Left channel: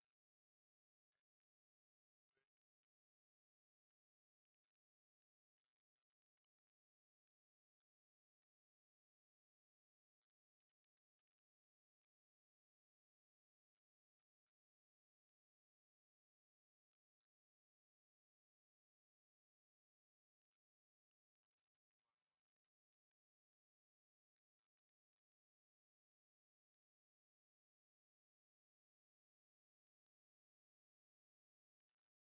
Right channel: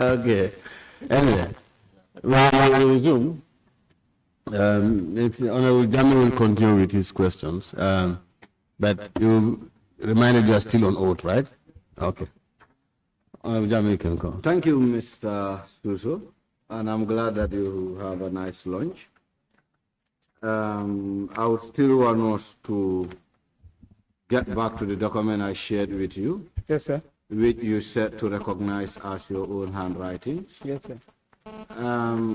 Okay. Anyway, we will resume. Honorable Janneh will continue with his questions. But you reminded you are still on oath, right? Okay. Honorable Janneh, you can go. Thank you, Mr. Suso, and I'm glad that you have a nice lunch. I would still want us to get back to the document I shared with you. Yes, sir. Which you said to recognize as your own handwriting. Yes, sir.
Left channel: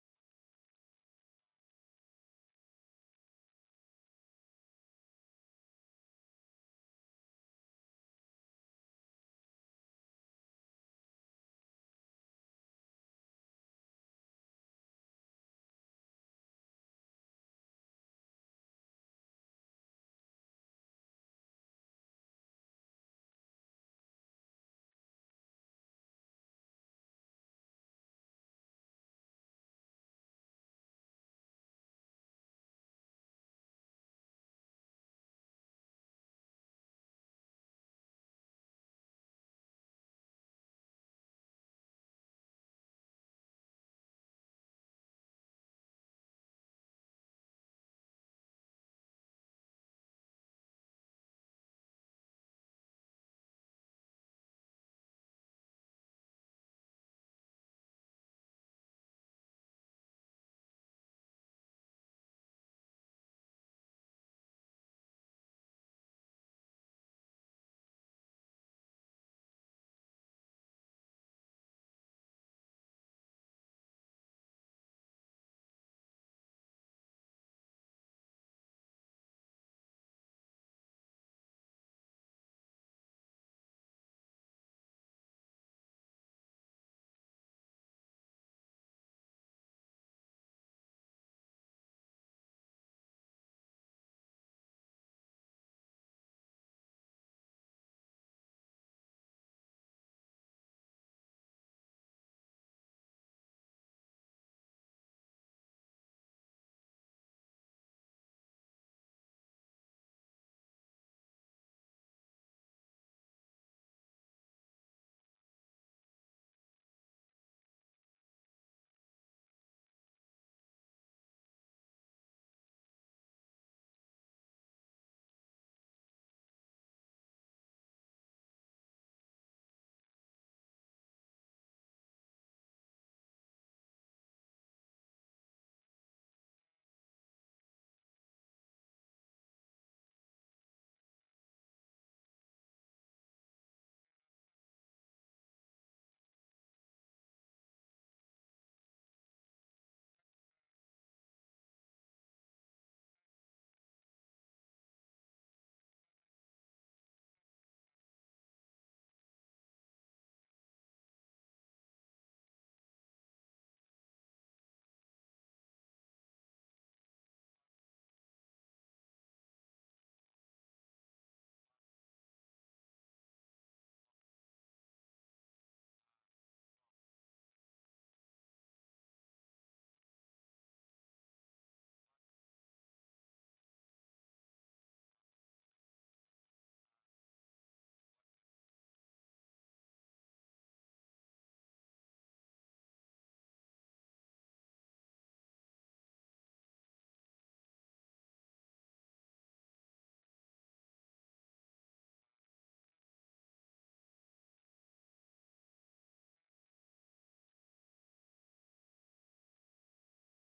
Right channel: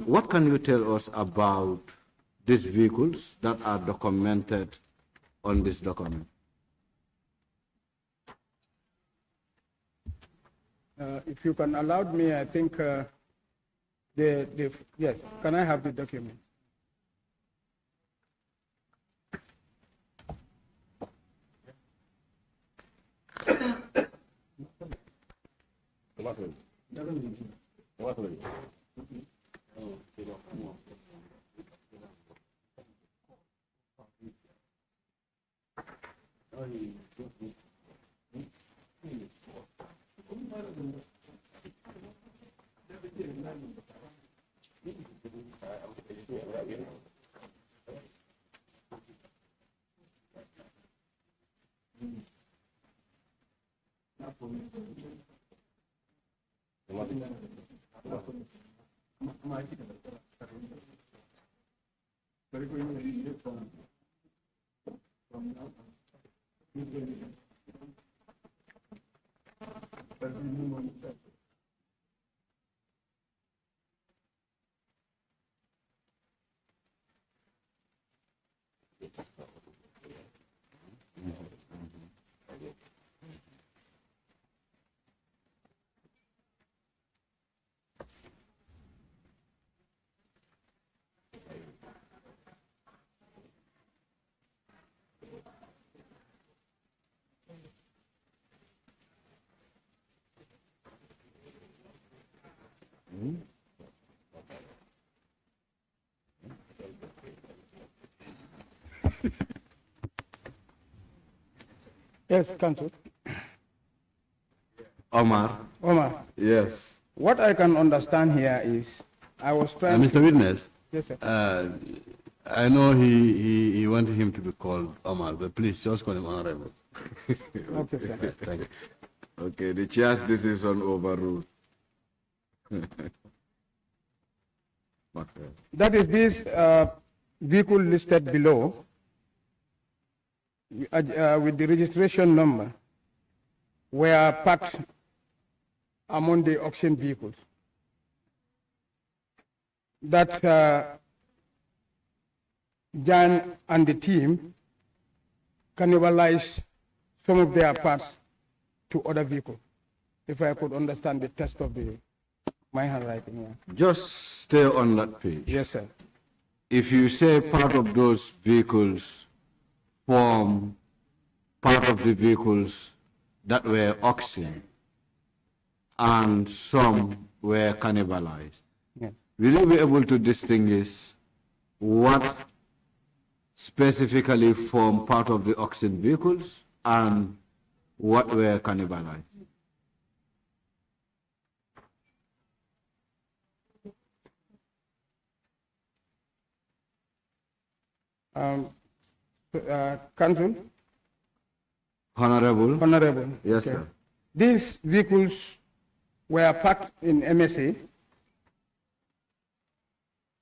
What can you tell us about these vehicles that are documented on this document? If you can allow me, I think yes, can I have the document? Yes, Council. Omar. Omar. Yes. What I can understand here is, I was trying. Mr. Witness. Yes, sir. I know he wanted him to be called Omar, but please just call him Honorable. Okay, sir. Thank you. Okay, the chair's decision overruled. That is this vehicle listed below with the registration number were parked among the auction vehicles. That Jan and the team cannibalized some of their parts to other vehicles. If I could understand the text of my handwriting. Yeah. Just stay on that page. Yes, sir. If you say part of those vehicles form part of the vehicles that were auctioned and some were cannibalized, yes, will you be able to distinguish what specifically form part of the auction vehicles and what were cannibalized? Council? Honorable? Honorable. Yes, okay. sir. These vehicles were parked in MSA,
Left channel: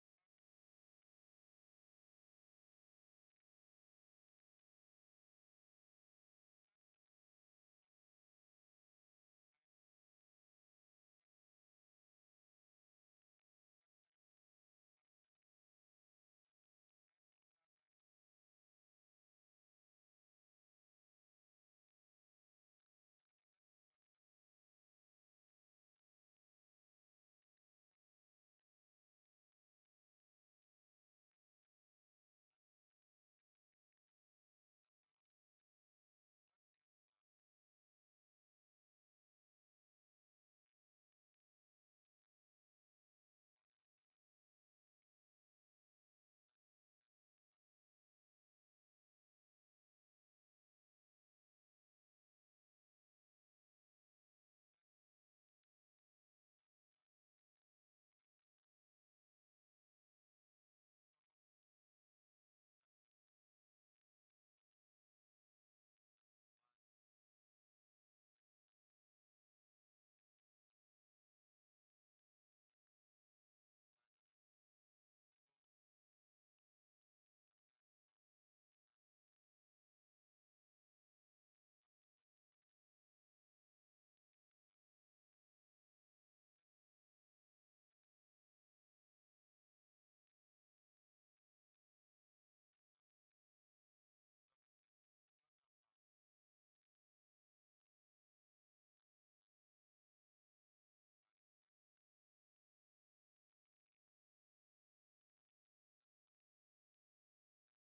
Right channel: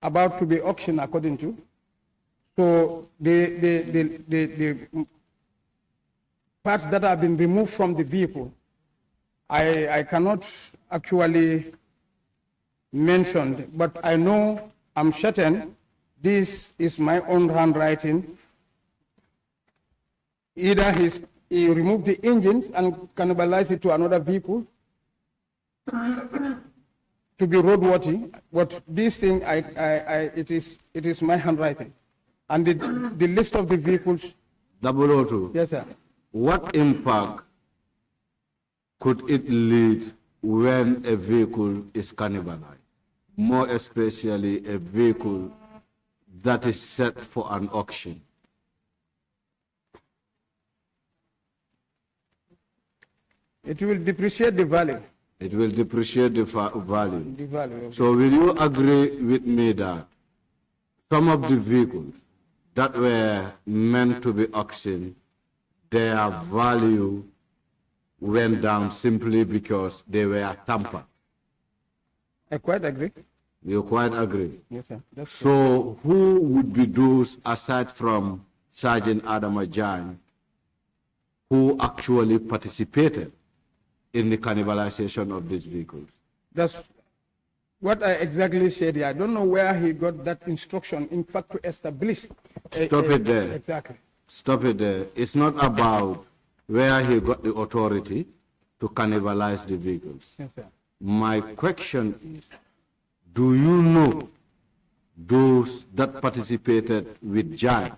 about to be auctioned according to. So the parts that have been removed from the vehicle, I cannot actually mention, but I know, I'm certain, this is my own handwriting. Either he removed the engines and cannibalized it to another vehicle to be roadworthy, but this thing, it is my handwriting. And the list of the vehicles. 002. Yes, sir. What impact could it lead when a vehicle is cannibalized? More especially a vehicle that is set for an auction. It will depreciate the value. It will depreciate the value. the value of So will you agree with me that some of the vehicles that were meant to be auctioned, their value went down simply because they were tampered? I quite agree. You quite agree? Yes, sir. That's So who would be those, aside from Sergeant Adama Jan, who actually participated in the cannibalization of these vehicles? That's what I exactly said here. I don't know where he got that instruction, in fact, to establish. Stop it there. Exactly. Stop it there. It's not about where he got the authority to cannibalize the vehicles. Yes, sir. My question is, do you know those that participated with Jan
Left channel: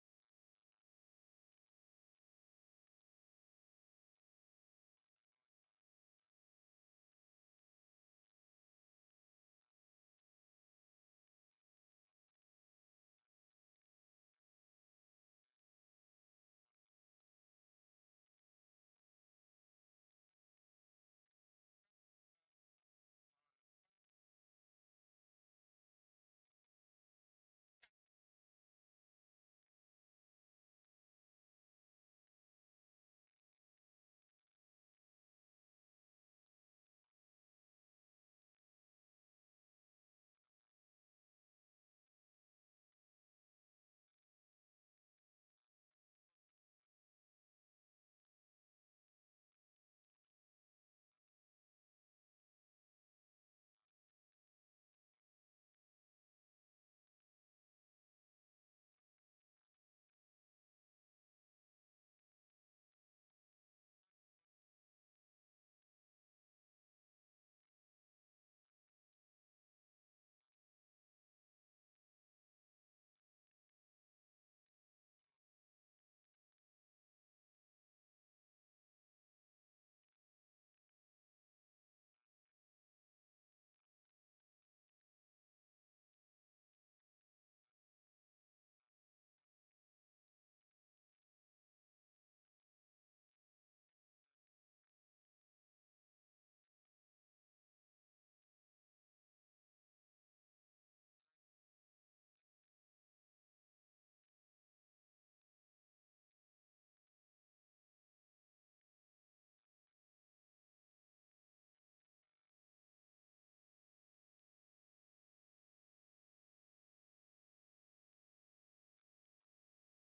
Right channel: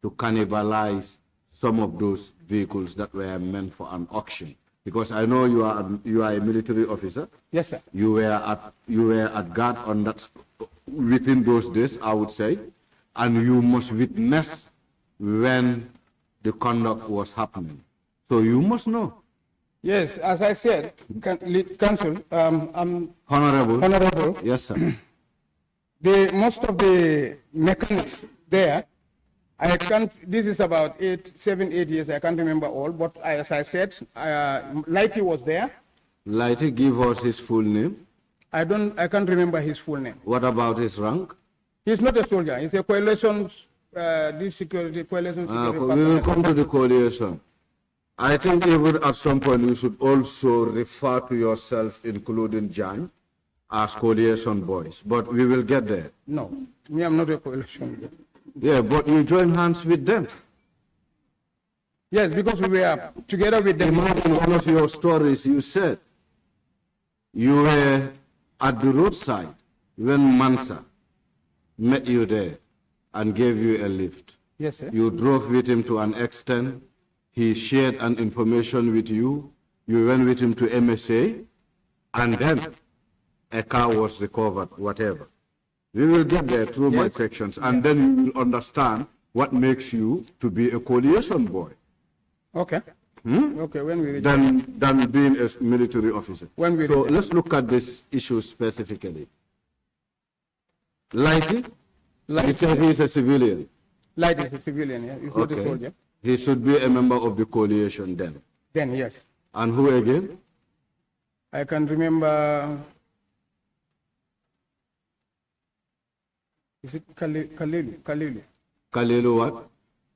to cannibalize some of those vehicles that were meant for an auction? Because I know you are a military officer. Yes, sir. You were at guard on that within those days, I would say, and you must witness when the conduct was happening. So you must know. Yes, as I said, Council, I'm Honorable. honorable. Yes, sir. Most of the mechanics there, I can't, this is about 7, 8 years, I can't remember all, but as I said, Lighty was there. Lighty, give us his full name. I can't remember his full name. What about his rank? He's not a soldier, he's a coalition, this security, coalition security. We will come to the coalition. I think even at some point you should also refer to yourself, including Jan, as coalition boys, but we will get there. No, me, I'm not a coalition. Yeah, but you join hands with them. Yes, because we were together with them. In one of your stories, you said you were at the roadside when Mansa met you there and gave you a lift. Yes, sir. You drove with him to an extent. He shared an information with you. You went with him to MSA, and then a car was recovered, whatever. We will get there through my questions, and then you will understand what makes you to be a coalition boy. Okay. Okay, when we reach Than being a military officer. When we So reach let's look at this issue specifically. Lighty, he's a civilian. Light is a civilian, yeah. He's not a soldier. He should be a member of the coalition then. Then, yes. And who again? I can remember, is it Kalilu? Kalilu what?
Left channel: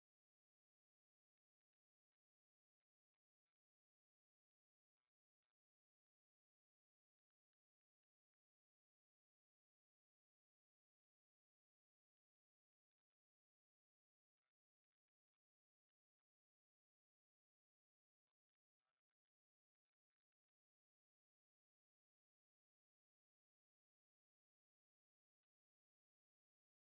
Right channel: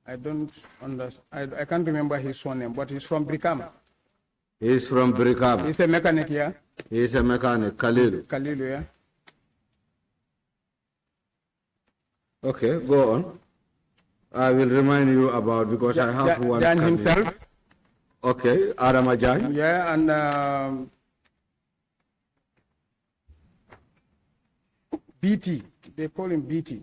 I don't understand. I can't remember his surname, but he's from Brikama. He's from Brikama. He's a mechanic here. He's a mechanic, Kalilu. Kalilu, yeah. Okay, go on. I will remind you about, because I have one. Jan himself. Okay, Adama Jan. Yeah, and BT. They call him BT.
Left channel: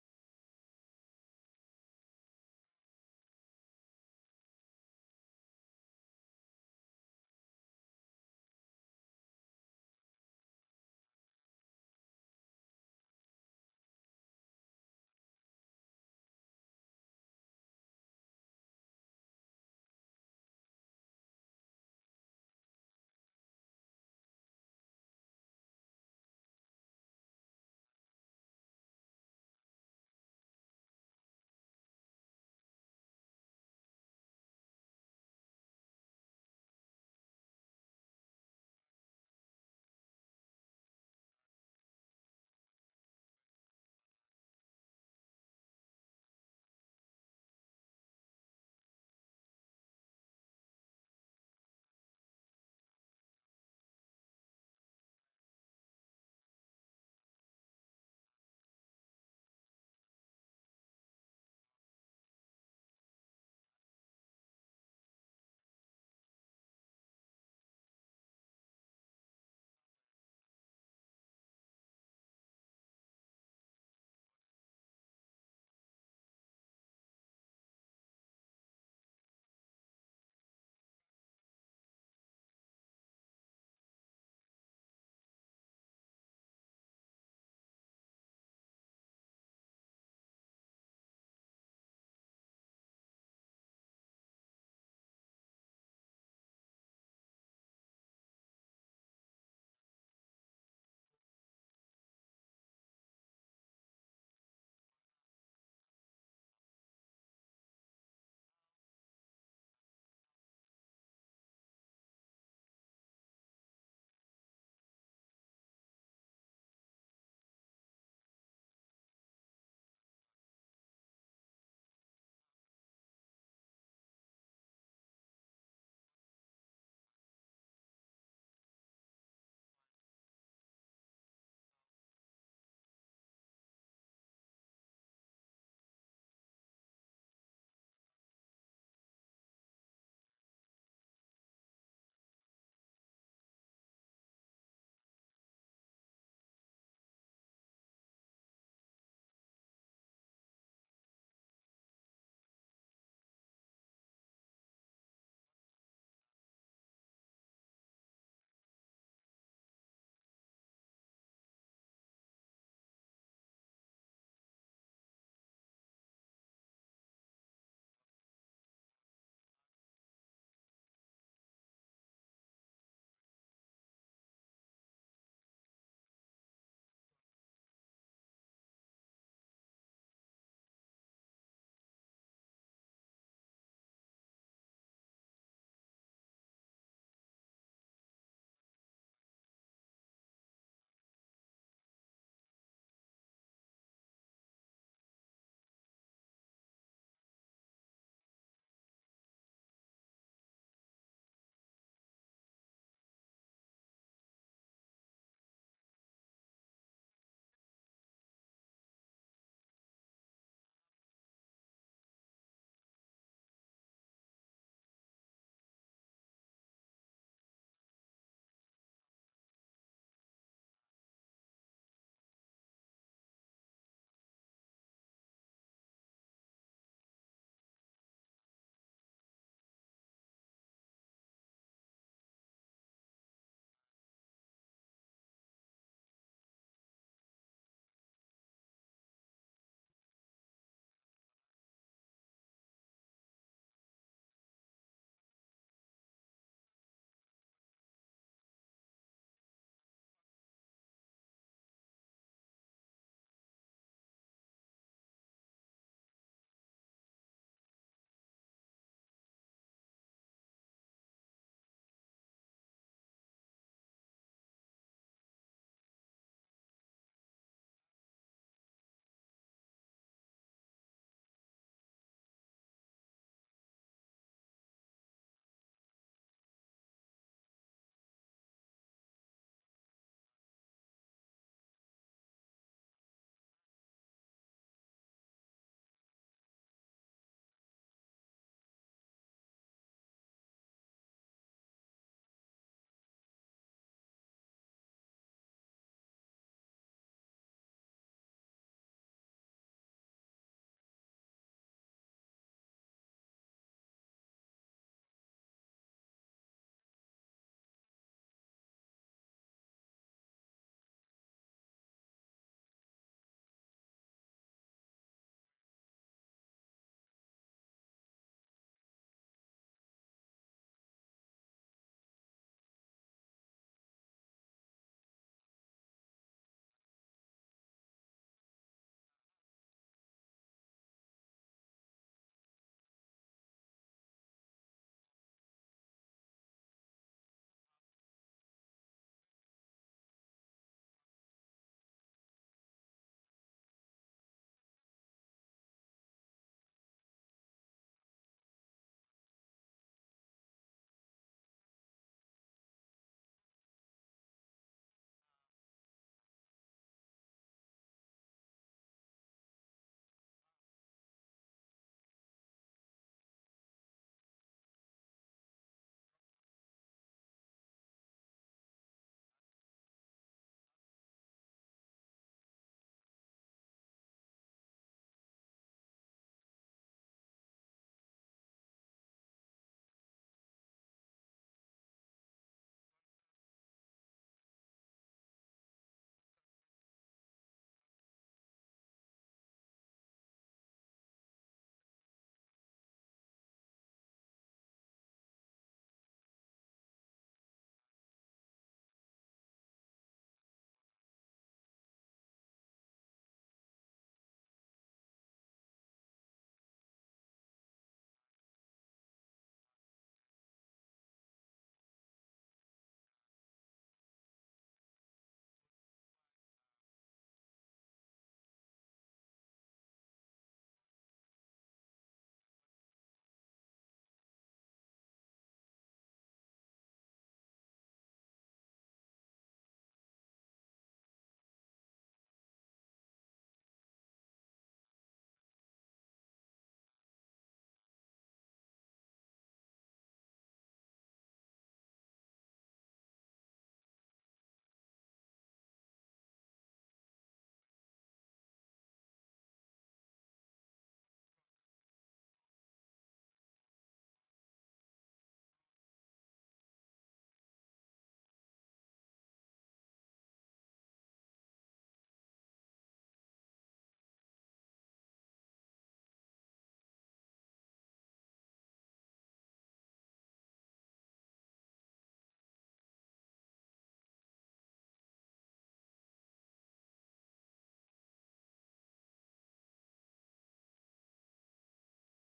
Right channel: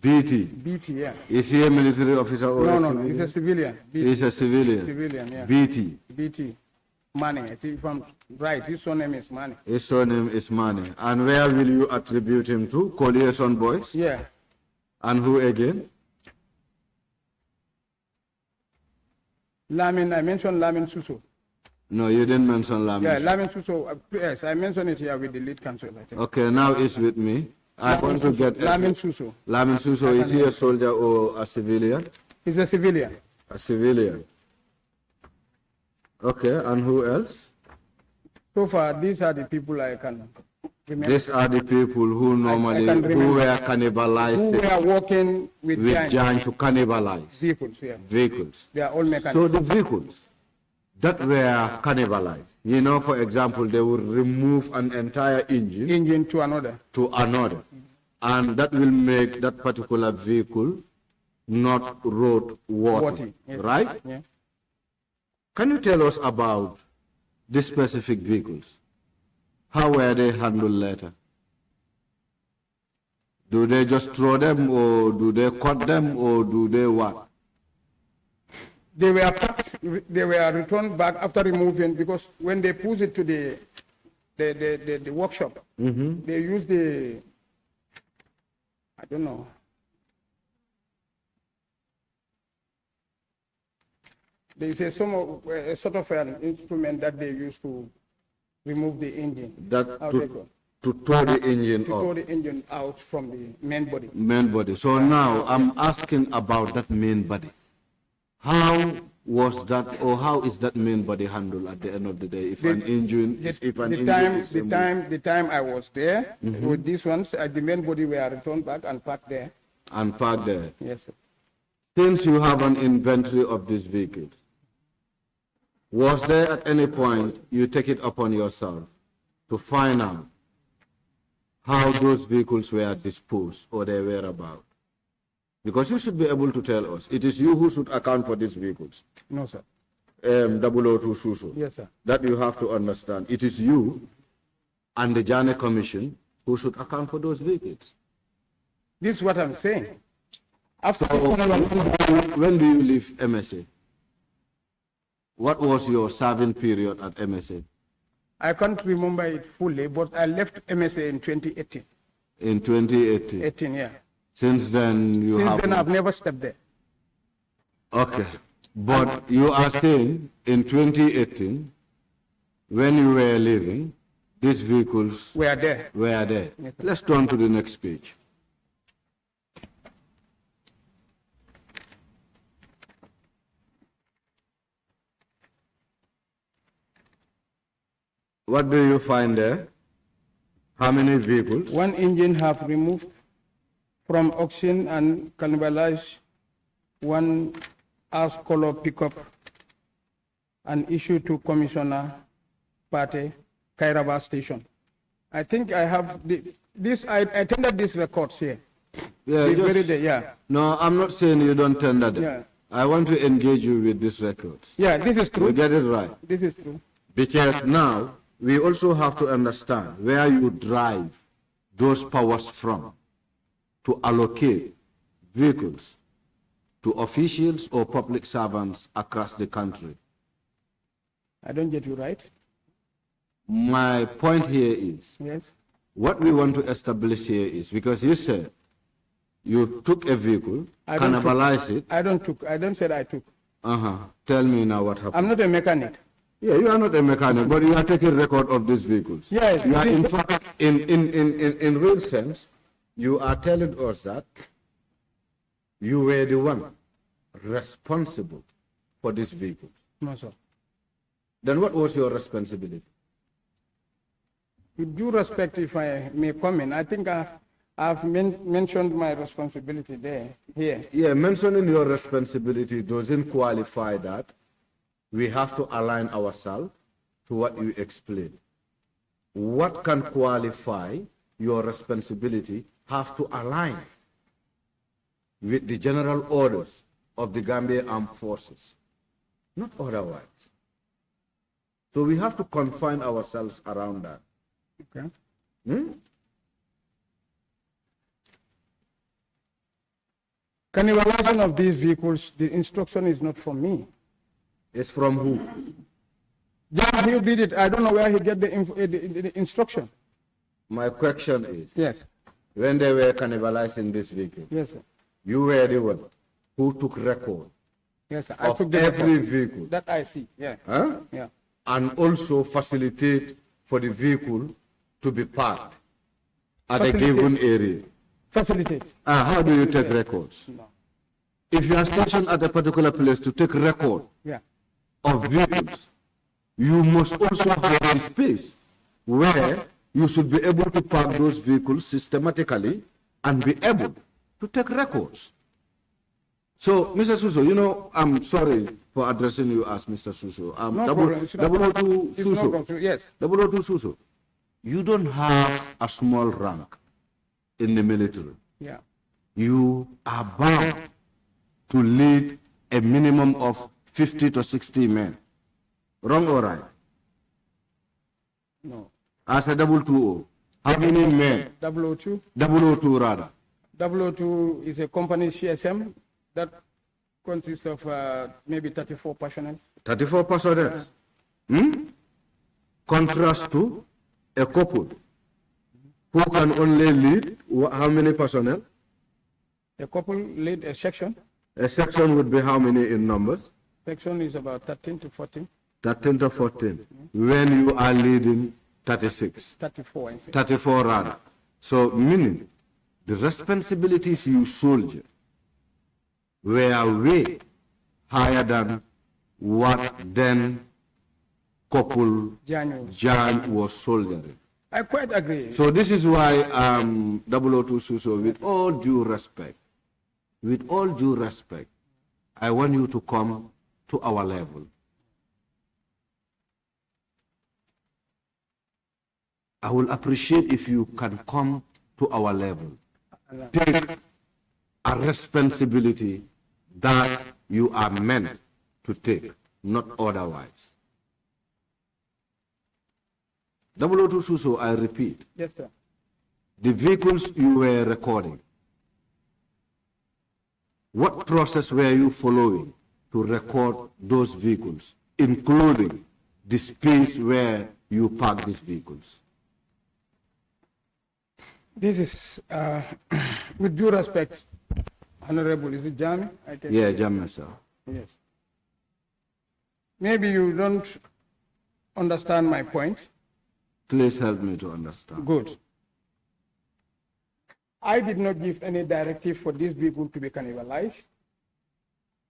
BT. BT, yeah. Is he a military officer or No, he's a civilian. BT. He's a civilian. Civilian, yeah. BT. BT. Mane, I think if I'm right, his surname is Mane. His surname is Mane. And where will you attribute him to? Coalition boys? Yeah. And who again? Lamin, I mentioned Lamin Suso. No, you didn't mention Lamin. Yeah, Lamin Suso, yes, I mentioned it here with the lead counsel, I think. Okay, now it's with me. I want to get... Lamin Suso. Lamin Suso, is he a soldier or a civilian? He's a civilian. A civilian. Okay, and who else? So far, these are the people I can remember. These are the people who normally, who were cannibalized. Who were working with Jan to cannibalize. Vehicles, yeah. Vehicles. They are all mechanics. So the vehicles that were cannibalized, you know, for example, they would remove an entire engine to another. And that will make that particular vehicle not road worthy, Yes. right? Yeah. Can you tell us about these specific vehicles? How were they handled later? Do they just throw them, or do they cut them, or do they what? They were packed, they were returned back after removing, because when they push it to the workshop, they use the, I don't know. They say a sort of an instrument that they use to remove the engine. That out to tow the engine to up. tow the engine out from the main body. Main body. So now I'm asking about that main body. How was that, or how is that main body handled at the end of the day? If an engine, is removed? The time I was there, with these ones, the main body were returned back and parked there. And parked there. Yes, sir. Since you have an inventory of these vehicles, was there at any point you take it upon yourself to find out how those vehicles were disposed or their whereabouts? Because you should be able to tell us. It is you who should account for these vehicles. No, sir. 002 Suso. Yes, sir. That you have to understand. It is you and the JANNEH Commission who should account for those vehicles. This is what I'm saying. After when do you leave MSA? What was your serving period at MSA? I can't remember it fully, but I left MSA in 2018. In 2018? 18, yeah. Since then, Since then, I've never stepped there. Okay. But you are saying in 2018, when you were leaving, these vehicles were there. Yes, let's turn to the next page. What do you find there? How many vehicles? One engine have removed from auction and cannibalized one ash color pickup and issued to Commissioner Pate, Kairaba Station. I think I have I tendered these records here. Yeah, No, I'm not saying you don't tender them. Yeah. I want to engage you with these records. Yeah, this is true. You get it right. This is true. Because now we also have to understand where you drive those powers from to allocate vehicles to officials or public servants across the country. I don't get you right. My point here is, yes, what we want to establish here is, because you said you took a vehicle, cannibalized it. I don't say I took. Tell me now what happened. I'm not a mechanic. Yeah, you are not a mechanic, but you are taking record of these vehicles. Yes. You are in fact, in real sense, you are telling us that you were the one responsible for these vehicles. No, sir. Then what was your responsibility? With due respect, if I may comment, I think I've mentioned my responsibility here. Yeah, mentioning your responsibility doesn't qualify that. We have to align ourselves to what you explained. What can qualify your responsibility have to align with the general orders of the Gambia Armed Forces, not otherwise. So we have to confine ourselves around that. Okay. Cannibalization of these vehicles, the instruction is not from me. It's from who? Just he did it. I don't know where he get the instruction. My question is, yes, when they were cannibalizing this vehicle, yes, sir, you were the one who took record, yes, sir, of I took the every record. vehicle. That I see, yeah. Huh? Yeah. And also facilitate for the vehicle to be parked at a given area. Facilitate. How do you take records? No. If you are stationed at a particular place to take record of vehicles, you must also have a space where you should be able to park those vehicles systematically and be able to take records. So, Mr. Suso, you know, I'm sorry for addressing you as Mr. Suso. No problem. 002 Suso. Yes. 002 Suso. You don't have a small rank in the military. Yeah. You are bound to lead a minimum of 50 to 60 men. Wrong or right? No. As a 220, how many men? 002? 002 rather. 002 is a company CSM that consists of maybe 34 personnel. 34 personnel. Contrast to a couple who can only lead how many personnel? A couple lead a section. A section would be how many in numbers? Section is about 13 to 14. 13 to 14. When you are leading 36. 34. I think. 34 rather. So meaning the responsibilities you soldier were way higher than what then couple Jan was soldiering. I quite agree. So this is why 002 Suso, with all due respect, I want you to come to our level. I will appreciate if you can come to our level. Take a responsibility that you are meant to take, not otherwise. 002 Suso, I repeat. Yes, sir. The vehicles you were recording, what process were you following to record those vehicles, including the space where you park these vehicles? This is, with due respect, Honorable, is it JANNEH? Yeah, JANNEH, sir. Yes. Maybe you don't understand my point. Please help me to understand. Good. I did not give any directive for these people to be cannibalized.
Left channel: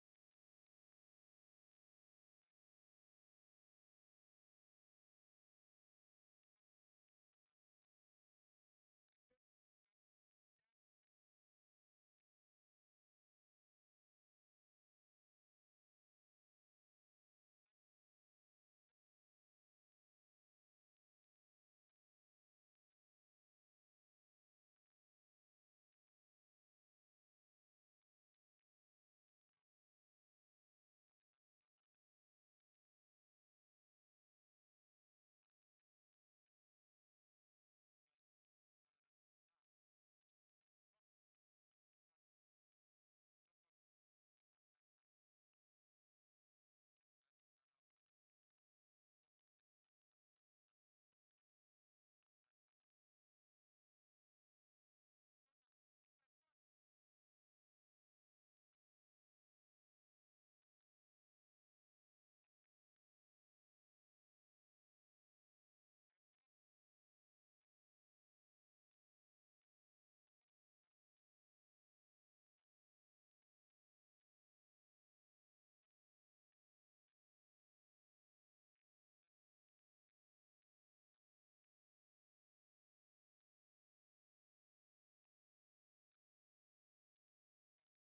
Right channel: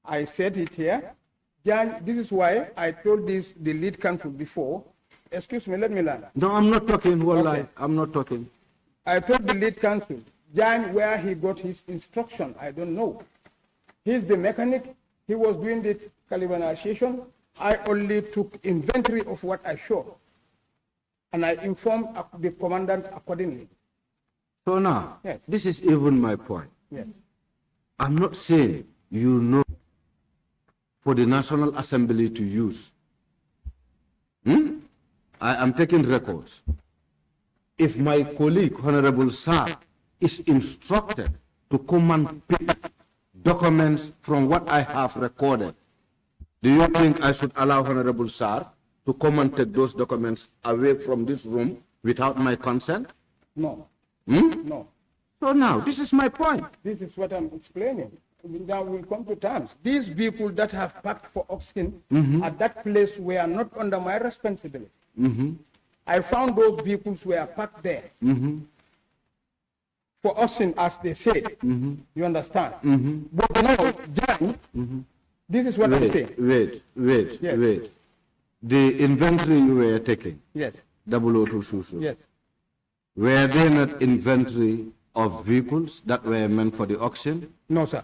I said it here. This is why I told the lead counsel before. Excuse me, let me learn. No, I'm not talking. Wallahi, Okay. I'm not talking. I told the lead counsel, Jan, where he got his instruction, I don't know. He's the mechanic. He was doing the cannibalization. I only took inventory of what I saw. And I informed the commandant accordingly. So now, Yes. this is even my point. Yes. I'm not saying you know for the National Assembly to use. I am taking records. If my colleague, Honorable Sir, is instructed to come and pick documents from what I have recorded, do you think I should allow Honorable Sir to come and take those documents away from this room without my consent? No. No. So now, this is my point. This is what I'm explaining. Now we'll come to terms. These people that have packed for oxen at that place were not under my responsibility. I found those vehicles were parked there for oxen, as they said. You understand? But now, Jan, this is what I'm saying. Wait. Yes. The inventory you were taking, Yes. 002 Susu, Yes. were they not inventory of vehicles that were meant for the auction? No, sir.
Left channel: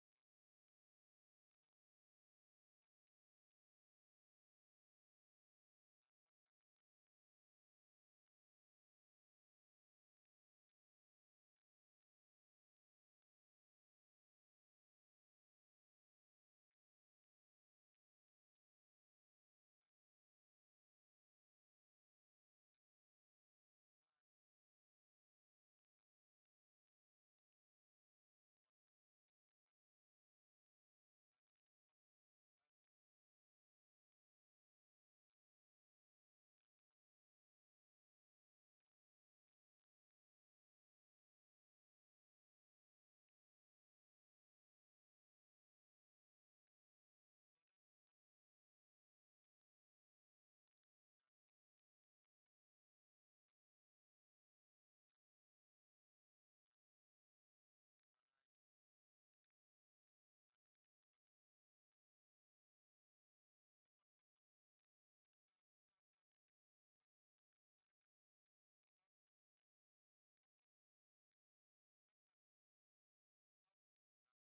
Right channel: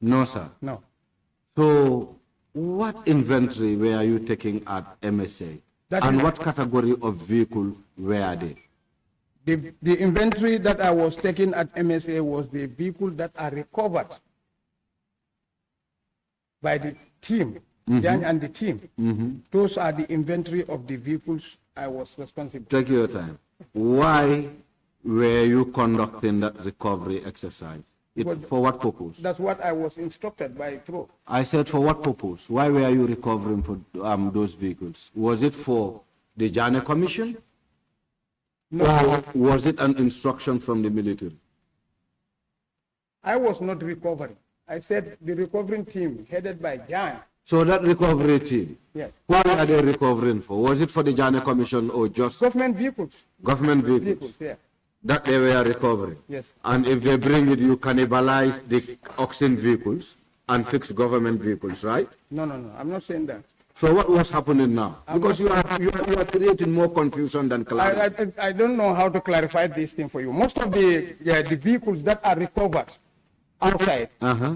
No, sir. No. So what inventory were you taking at MSA? And what category of vehicle were they? The inventory that I was taking at MSA was the vehicle that are recovered by the team, Jan and the team. Those are the inventory of the vehicles I was responsible. Take your time. Why were you conducting that recovery exercise? For what purpose? That's what I was instructed by Pro. I said, for what purpose? Why were you recovering for those vehicles? Was it for the JANNEH Commission? No. Or was it an instruction from the military? I was not recovering. I said the recovering team headed by Jan. So that recovery team, Yes. what are they recovering for? Was it for the JANNEH Commission or just Government vehicles. government vehicles? Vehicles, yeah. That they were recovering? Yes. And if they bring it, you cannibalize the auction vehicles and fix government vehicles, right? No. I'm not saying that. So what was happening now? Because you are creating more confusion than clarity. I don't know how to clarify this thing for you. Most of the vehicles that are recovered outside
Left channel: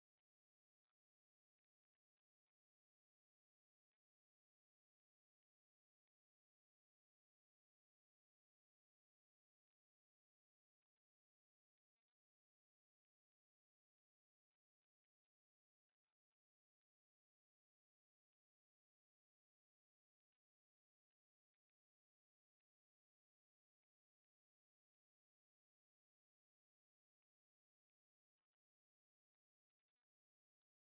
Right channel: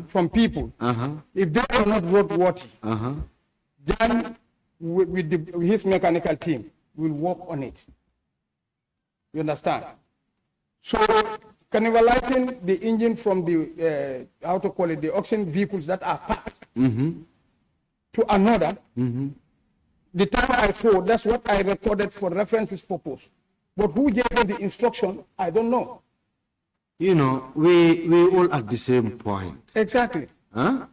from people, if they are not roadworthy, then with his mechanical team will work on it. You understand? So cannibalizing the engine from the the auction vehicles that are packed to another, the time I saw, that's what I recorded for references purpose. But who gave me the instruction, I don't know. You know, we all at the same point. Exactly. Huh?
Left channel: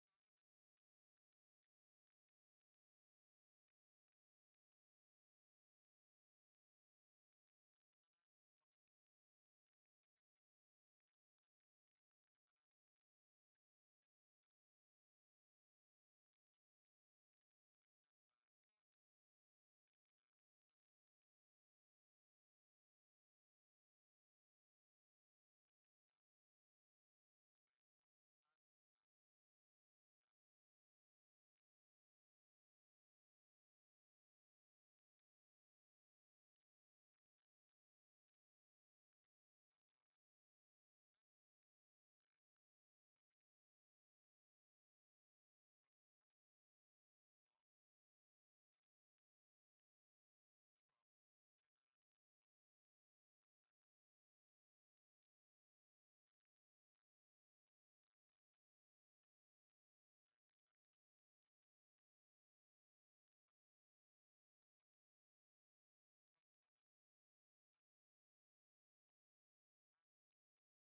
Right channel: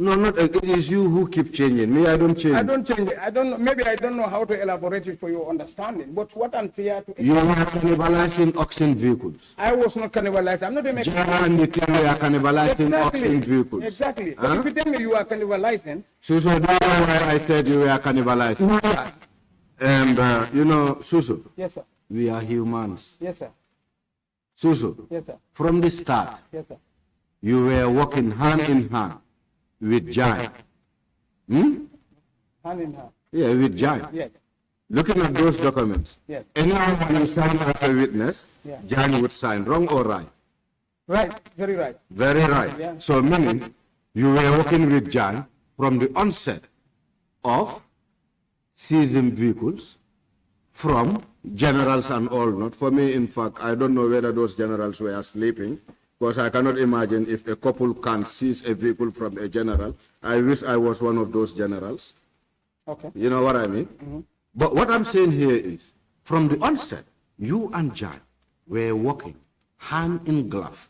No, not it is you who keep changing. Me, I don't change. I don't change it. I don't know. Maybe I don't know how to elaborate it for your understanding. But what I'm here to You are cannibalizing auction vehicles. I was not cannibalized. I'm not a mechanic. Jana and the team were cannibalizing auction vehicles. Exactly. Huh? If you tell me you are cannibalizing, So that's why I said you were cannibalizing. And, you know, Susu, Yes, sir. we are humans. Yes, sir. Susu, Yes, sir. from the start, Yes, sir. you were working hand in hand with Jai. Hmm? Hand in hand. Yeah, with Jai. Yes. Looking at those documents, Yes. anyone when you sign as a witness, Yeah. Jai would sign. Wrong or right? Right. Very right. Very right. Yeah. So meaning you were working with Jan from the onset of seizing vehicles from generals and all. Not for me, in fact, I don't know whether those generals were sleeping, because I cannot imagine if a couple can seize a vehicle from a general. I wish I was one of those generals. Okay. You know what I mean? But what I'm saying here is, from the onset, you and Jan were working hand in glove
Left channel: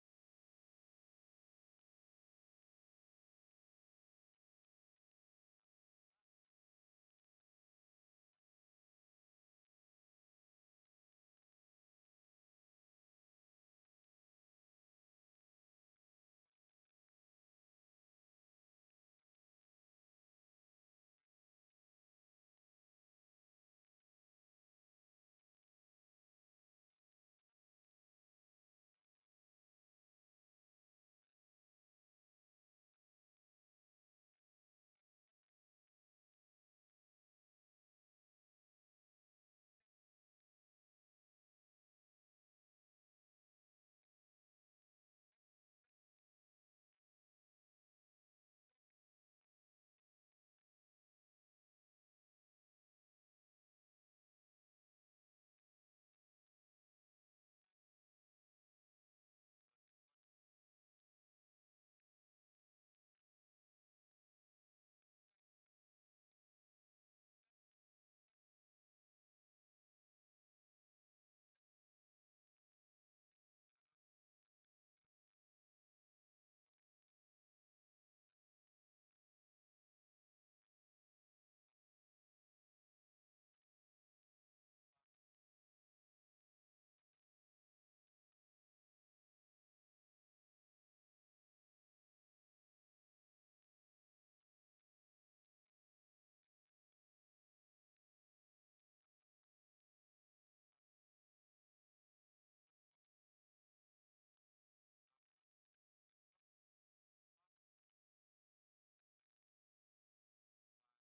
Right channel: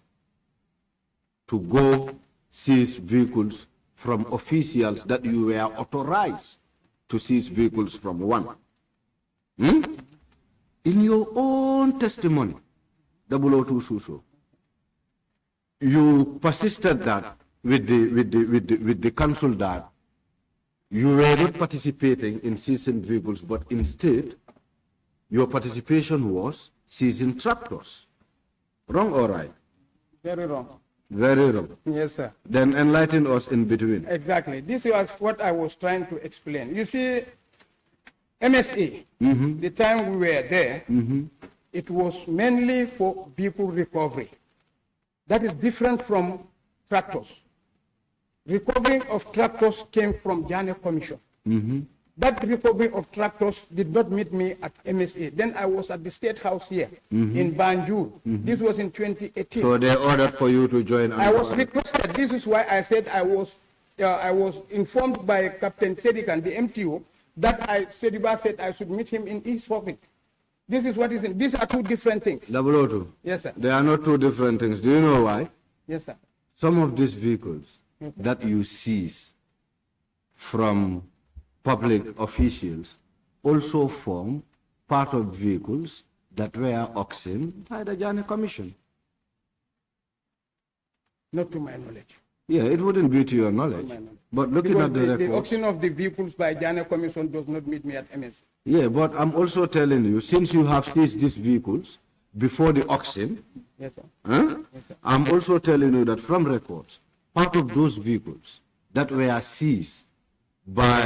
to go seize vehicles from officials that you were authorized to seize vehicles from. One. Hmm? In your own testimony, 002 Suso, you persisted that with the council that you were not participating in seizing vehicles, but instead, your participation was seizing tractors. Wrong or right? Very wrong. Very wrong. Yes, sir. Then enlighten us in between. Exactly. This was what I was trying to explain. You see, MSA, the time we were there, it was mainly for vehicle recovery. That is different from tractors. Recovery of tractors came from JANNEH Commission. That recovery of tractors did not meet me at MSA. Then I was at the State House here in Banjul. This was in 2018. So they ordered for you to join. I was requested. This is why I said I was informed by Captain Sedikan, the MTO, that Sediba said I should meet him in East Forfeit. This is what is in. These are two different things. 002. Yes, sir. They are not two different things. Do you know why? Yes, sir. Some of these vehicles that you seize from public officials also form part of vehicles that were auctioned by the JANNEH Commission. Not to my knowledge. Yeah, it wouldn't be to your knowledge. But looking Because at the the records, auction of the vehicles by JANNEH Commission does not meet me at MSA. yeah, but I'm also telling you, since you have seized these vehicles before the auction, Yes, sir. huh? I'm also telling you that from records, part of those vehicles that were seized by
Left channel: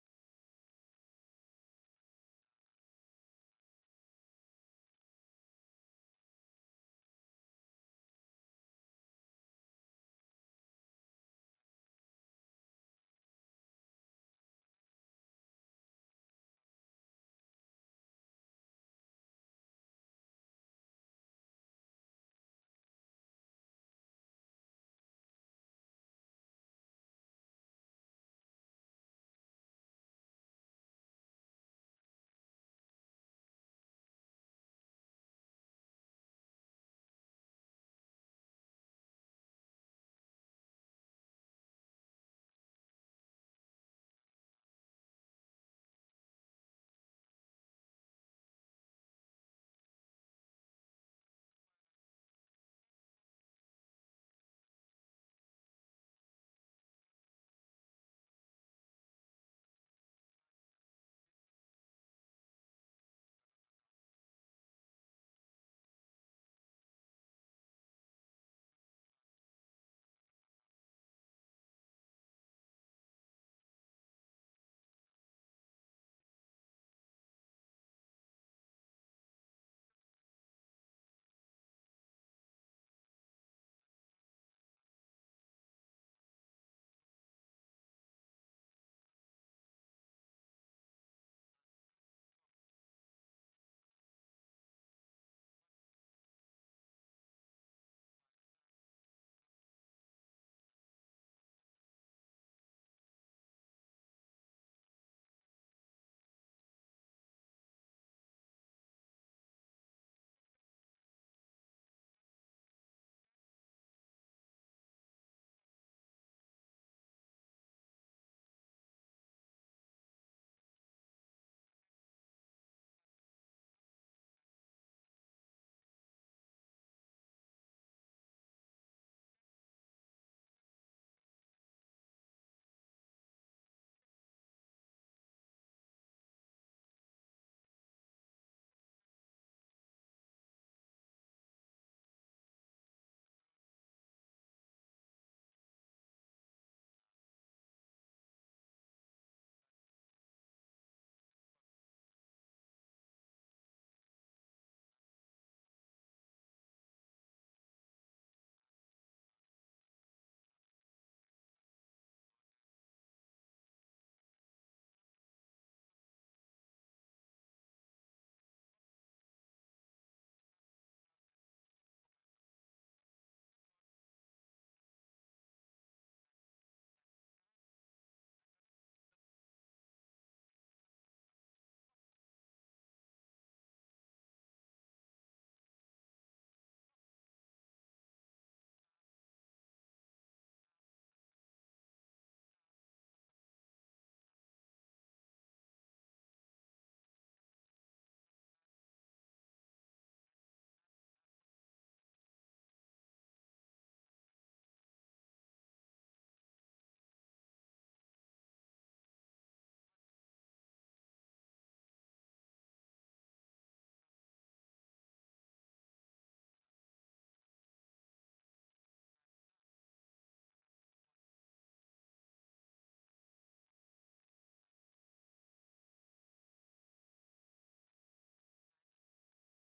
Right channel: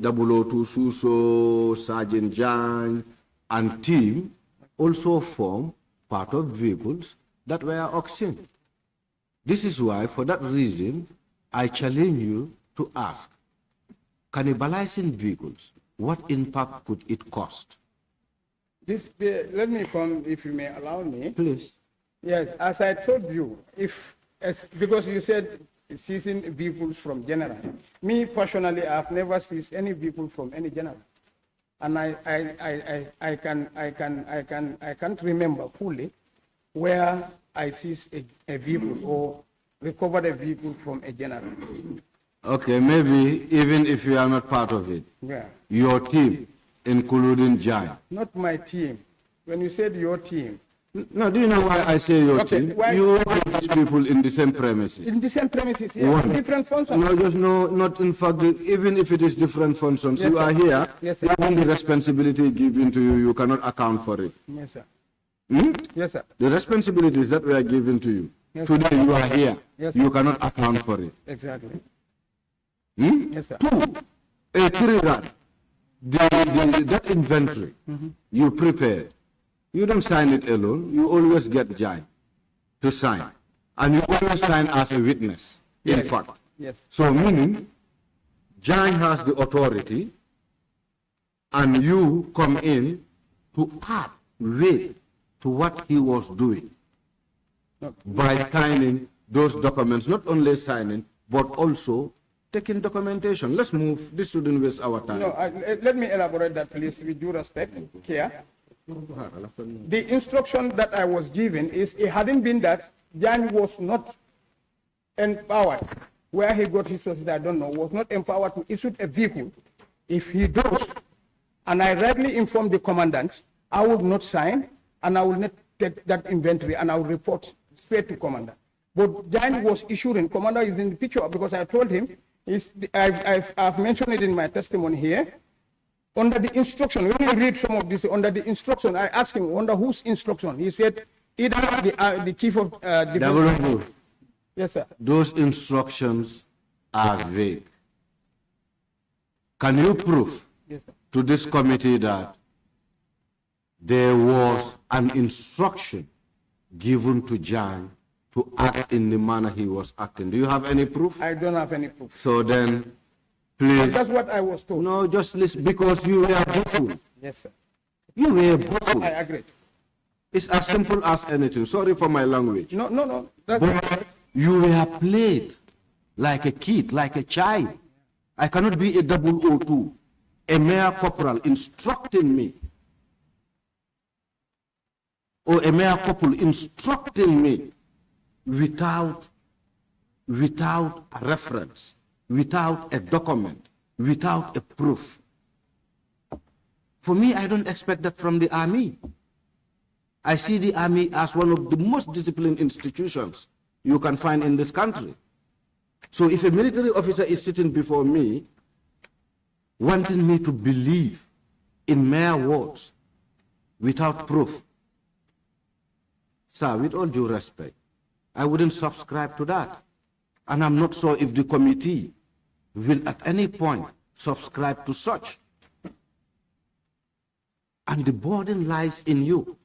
002 Suso, Sergeant Jan, and team also form part of vehicles that were auctioned. This is why, for that reason, I challenge you to ask, cannibalizing vehicles, what impact could it cost? Let me come, if you may allow me. Please. Yes, as I told you, because you said seizing vehicles from general. Me personally, I've never seized any vehicle from any general, and I can't remember fully where I seized a vehicle or recovered a vehicle from a general. Okay, maybe even if you are not part of it, Yeah. your team, including Jai. Not my team. When you said your team, No, do you know why I say your Okay, team? why- You work with these people in the same premises. in the same premises, yeah, One. different functions. No, just no, not in fact, even if it is different functions, Yes, you sir. are here, Yes, sir. even the responsibility given to you, you cannot account for it. Yes, sir. Hmm? Yes, sir. The responsibilities that were given to you, Yes, today you are here, Yes, you sir. cannot account for it. Exactly. Hmm? Yes, sir. Two, a three-rad, that inventory you prepared, you don't sign it alone, you always get Jai to sign. And you always sign as a witness, in Yes. fact. Yes. So meaning, Jai has the authority and you come in to add weight to what he was doing by signing those documents, not only signing, but also taking documentation. Let's move, this shouldn't waste our time. No, let me elaborate that, please, with due respect here. The instruction that I was given is it hadn't been that Jan was not empowered, where he got his sources, I don't know, was not empowered to issue a vehicle. If he does, and I rightly informed the commandant, I would not sign, and I will not take that inventory, and I will report straight to commander. But Jan was issuing, commander is in the picture, because I told him, I've mentioned it in my testimony here, Under the instruction, when I read some of this, under the instruction, I asked him, under whose instruction? He said, either the chief of defense. Yes, sir. Those instructions are vague. Can you prove to this committee that there was an instruction given to Jan to act in the manner he was acting? Do you have any proof? I don't have any proof. So then, please. That's what I was told. No, just listen, because you were buffoon. Yes, sir. You were buffoon. I agree. It's as simple as anything. Sorry for my language. No. But you were played like a kid, like a child. I cannot be a 002, a mayor corporal instructing me, or a mayor couple instructing me without a reference, without a document, without a proof. For me, I don't expect that from the army. I see the army as one of the most disciplined institutions you can find in this country. So if a military officer is sitting before me, wanting me to believe in mere words without proof, sir, with all due respect, I wouldn't subscribe to that. And I'm not sure if the committee will at any point subscribe to such. And the burden lies in you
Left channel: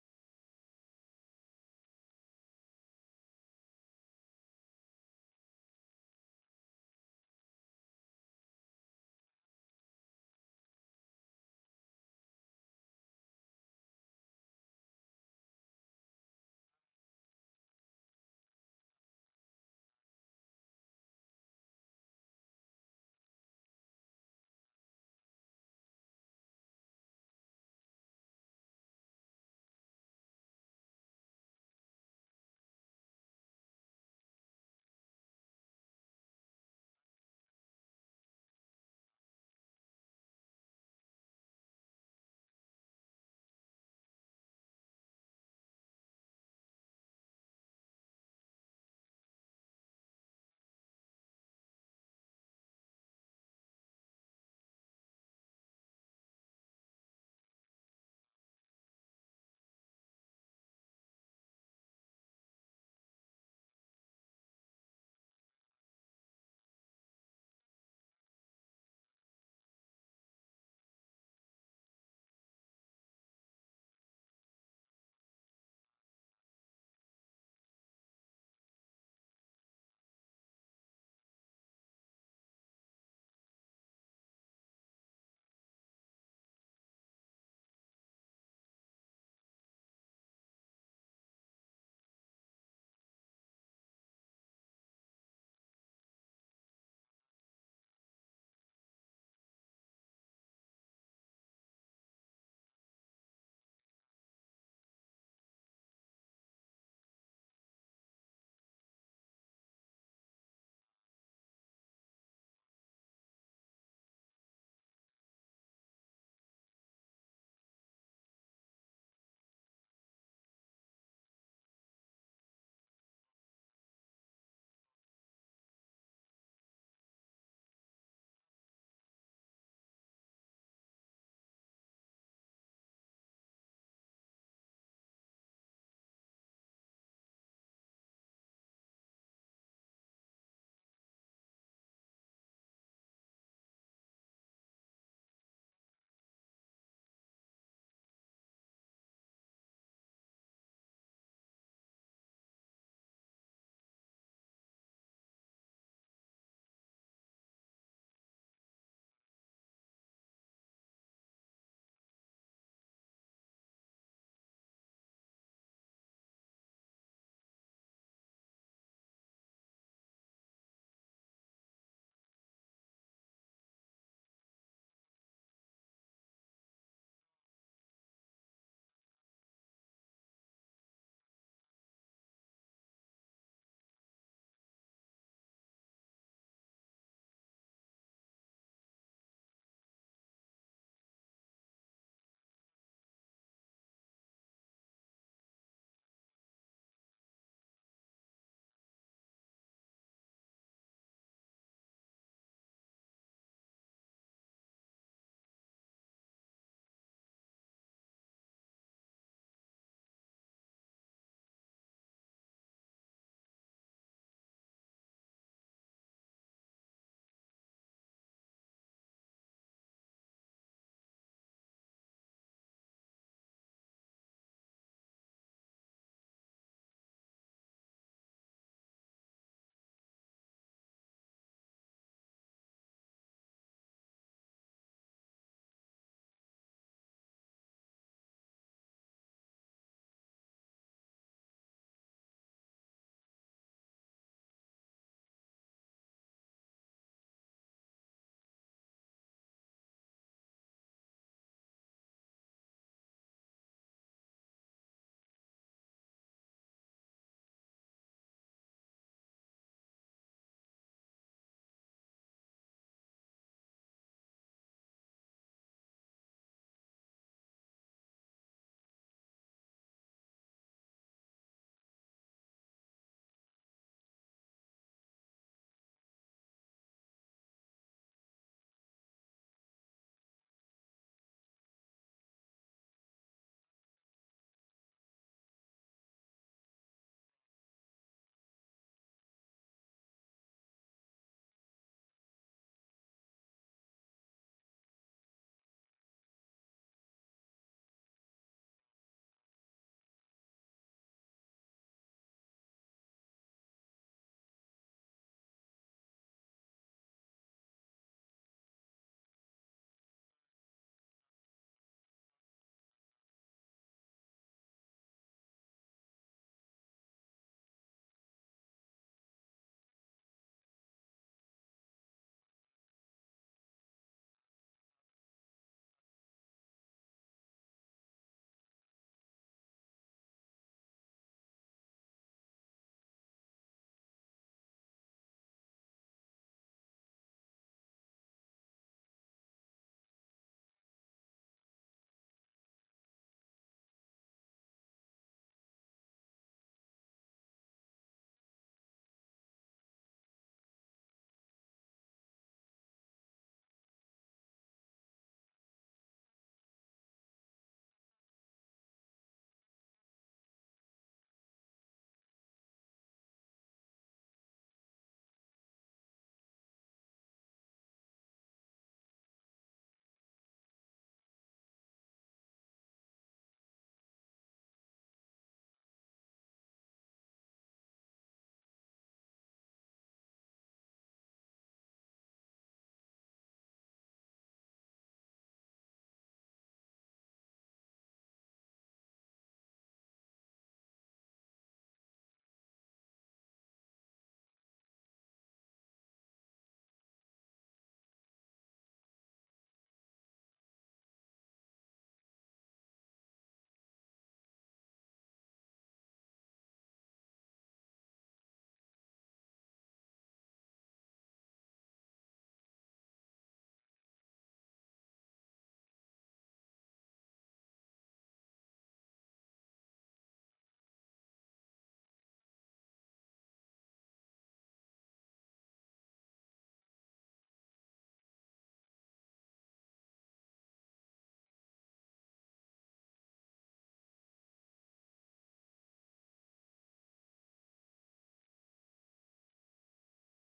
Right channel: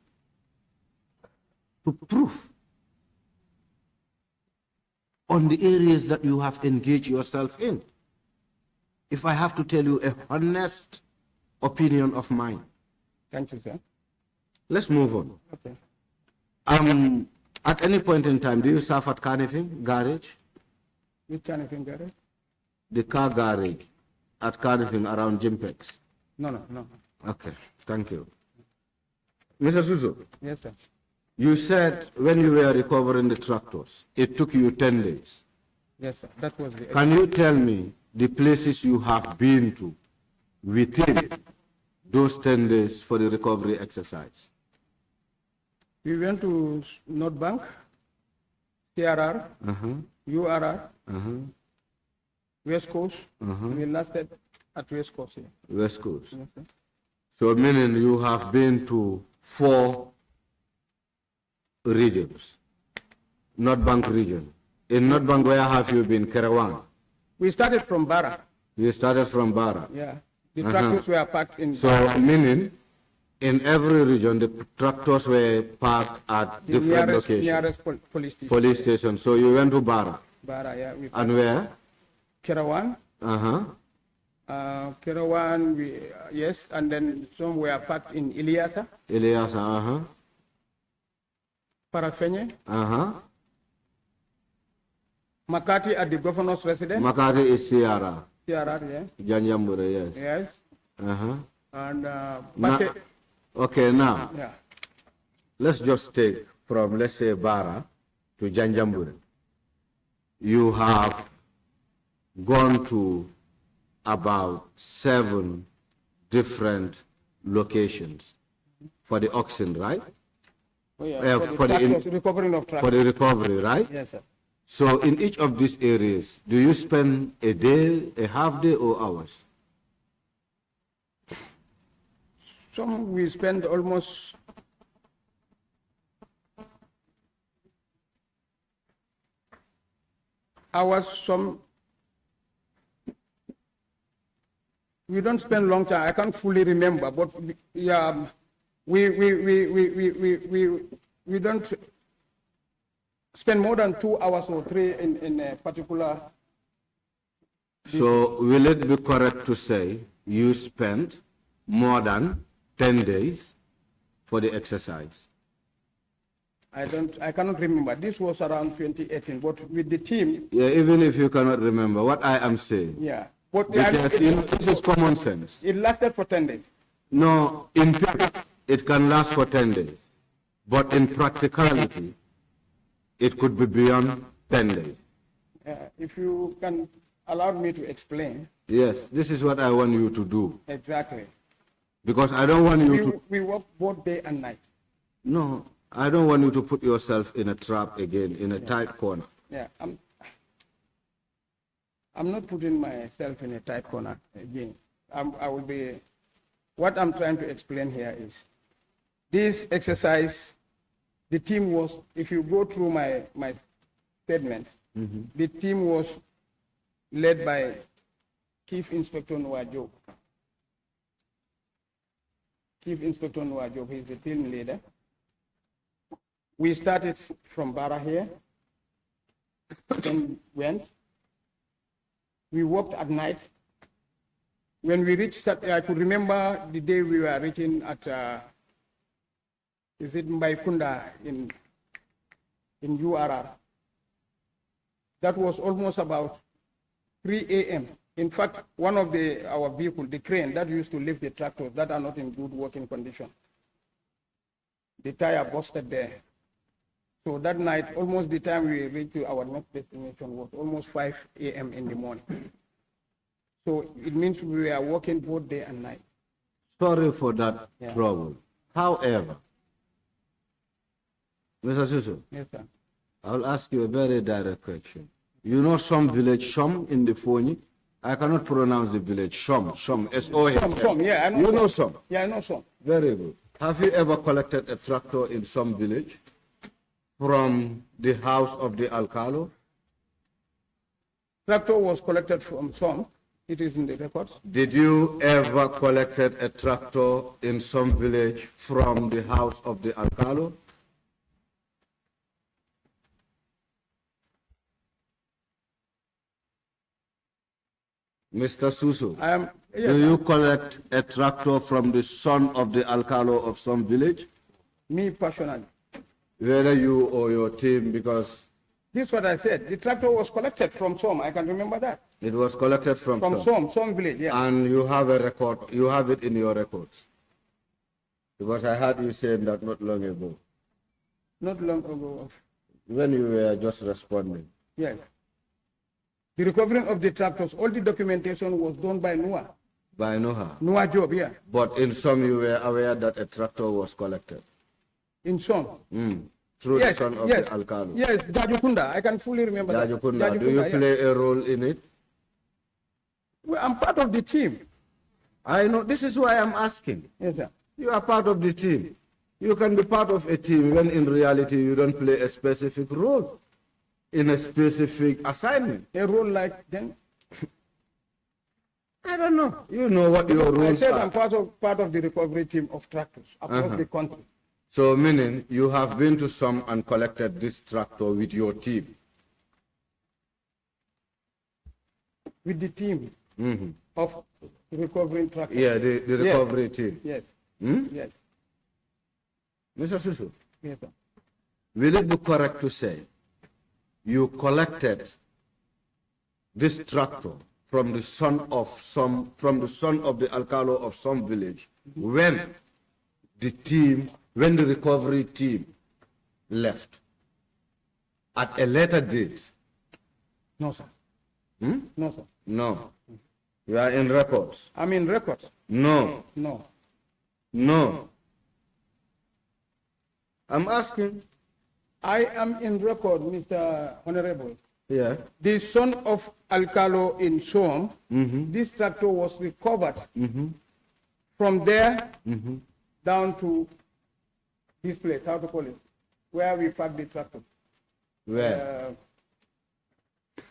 to prove on the areas that you have engaged yourself in. If I have to tell you a honest opinion of mine. Thank you, sir. Let's move on. Okay. At any point in time, do you serve at Carnifing Garage? Which kind of thing, Gary? The car garage at Carnifing around Jimpex. No. Okay, thank you. Mr. Suso. Yes, sir. You said when you were recovering the tractors, it took you 10 days. Yes, sir. That was the. Can you tell me the places you have been to within those 10 days for the recovery exercise? We went to North Bank, CRR, URR, West Coast. We lasted at West Coast here. West Coast. Yes, sir. So meaning you have been to 4 regions. North Bank region. In North Bank, where have you been? Kerawan? We started from Bara. You started from Bara. Yeah. The tractors were parked in. So meaning in every region, the tractors were parked at the different nearest, locations. Nearest police station. Police station. So you went to Bara. Bara, yeah. And where? Kerawan. Kerawan, yes, and then some were parked in Iliasa. Iliasa, Parafenye. Makati at the governor's residence. Makati is Sierra. CRR, yeah. Janjambure, yes. Yes. And Now, okay, now, yeah. let's just take from, let's say, Bara to Janjambure. You have gone to about 7 different locations for the auction, right? Oh, yeah. For the recovering of tractors. For the recovery, right? Yes, sir. So in each of these areas, do you spend a day, a half day, or hours? Some we spend almost hours, some we don't spend long time. I can't fully remember, but yeah, we don't spend more than 2 hours or 3 in a particular. So will it be correct to say you spent more than 10 days for the exercise? I cannot remember. This was around 2018, but with the team. Yeah, even if you cannot remember, what I am saying. Yeah. But because this is common sense. It lasted for 10 days. No, in theory, it can last for 10 days. But in practicality, it could be beyond 10 days. If you can allow me to explain. Yes, this is what I want you to do. Exactly. Because I don't want you to... We work both day and night. No, I don't want you to put yourself in a trap again, in a tight corner. Yeah, I'm not putting myself in a tight corner again. I will be what I'm trying to explain here is this exercise, the team was, if you go through my statement, the team was led by Chief Inspector Nwajob. Chief Inspector Nwajob, he's the team leader. We started from Barra here, then went. We walked at night. When we reached, I could remember the day we were reaching at, is it Mbaikunda in URR? That was almost about 3 a.m. In fact, one of our vehicles, the crane that used to lift the tractors that are not in good working condition, the tire busted there. So that night, almost the time we reached to our next destination was almost 5 a.m. in the morning. So it means we are working both day and night. Sorry for that trouble. However, Mr. Susu, Yes, sir. I'll ask you a very direct question. You know some village, Shom in the Foni? I cannot pronounce the village, Shom, S-O-M. Some, yeah, I know. You know some? Yeah, I know some. Very good. Have you ever collected a tractor in some village from the house of the Alcalo? Tractor was collected from some. It is in the records. Did you ever collected a tractor in some village from the house of the Alcalo? Mr. Susu, Yes, do you collect a tractor from the son of the Alcalo of some village? me personally. Whether you or your team, because This is what I said. The tractor was collected from some. I can remember that. it was collected from Some village, yeah. And you have a record, you have it in your records. Because I heard you saying that not long ago, Not long ago. when you were just responding. Yes. The recovering of the tractors, all the documentation was done by Noah. By Noah. Noah Job, yeah. But in some you were aware that a tractor was collected. In some. Through Yes, the son of yes. the Alcalo. Yes, Jajukunda. I can fully remember that. Jajukunda, do you yeah. play a role in it? Well, I'm part of the team. I know, this is why I'm asking. Yes, sir. You are part of the team. You can be part of a team when in reality you don't play a specific role in a specific assignment. A role like then? I don't know. You know what your I roles said are. I'm part of the recovery team of tractors across the country. So meaning you have been to some and collected this tractor with your team. With the team of recovering tractors. Yeah, the recovery team. Yes. Yes. Mr. Susu, Yes, sir. will it be correct to say you collected this tractor from the son of the Alcalo of some village when the recovery team left at a later date? No, sir. No, sir. No. You are in records. I'm in records. No. No. No. I'm asking. I am in record, Mr. Honorable. Yeah. The son of Alcalo in Som, this tractor was recovered from there down to this place, how to call it, where we park the tractor. Where?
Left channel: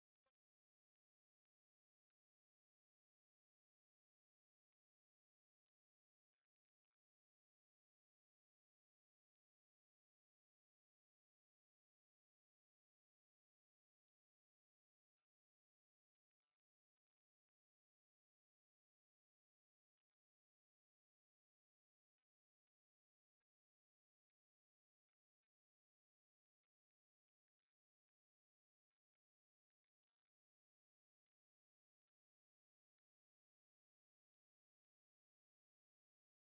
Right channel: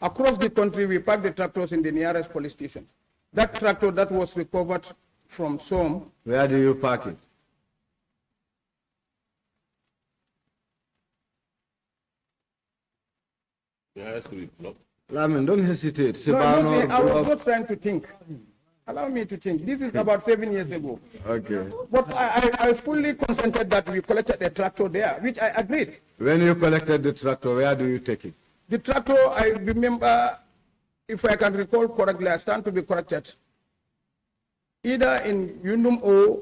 Across the country, we park the tractors in the nearest police station. That tractor that was recovered from Som. Where do you park it? Lamin, don't hesitate. No, Sibano, I was not trying to think. Allow me to think. This is about 7 years ago. Okay. But I fully consented that we collected a tractor there, which I agreed. When you collected the tractor, where do you take it? The tractor, I remember, if I can recall correctly, I stand to be corrected, either in Yundum O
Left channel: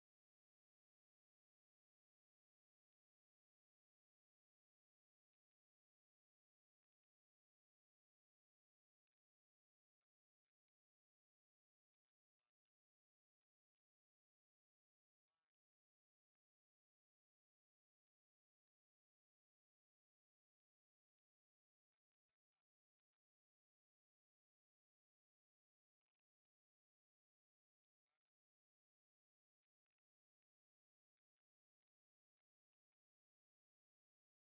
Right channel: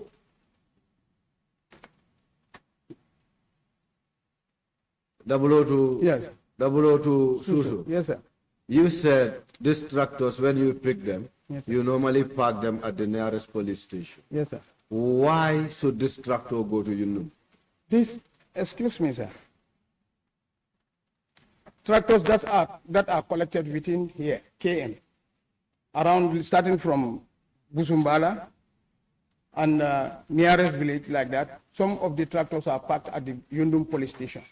Yes. 002 Susu. Yes, sir. You said these tractors, when you pick them, Yes, sir. you normally park them at the nearest police station. Yes, sir. Why should this tractor go to Yunum? Excuse me, sir. Tractors that are collected within here, KM, around starting from Busumbala, and nearest village like that, some of the tractors are parked at the Yundum police station.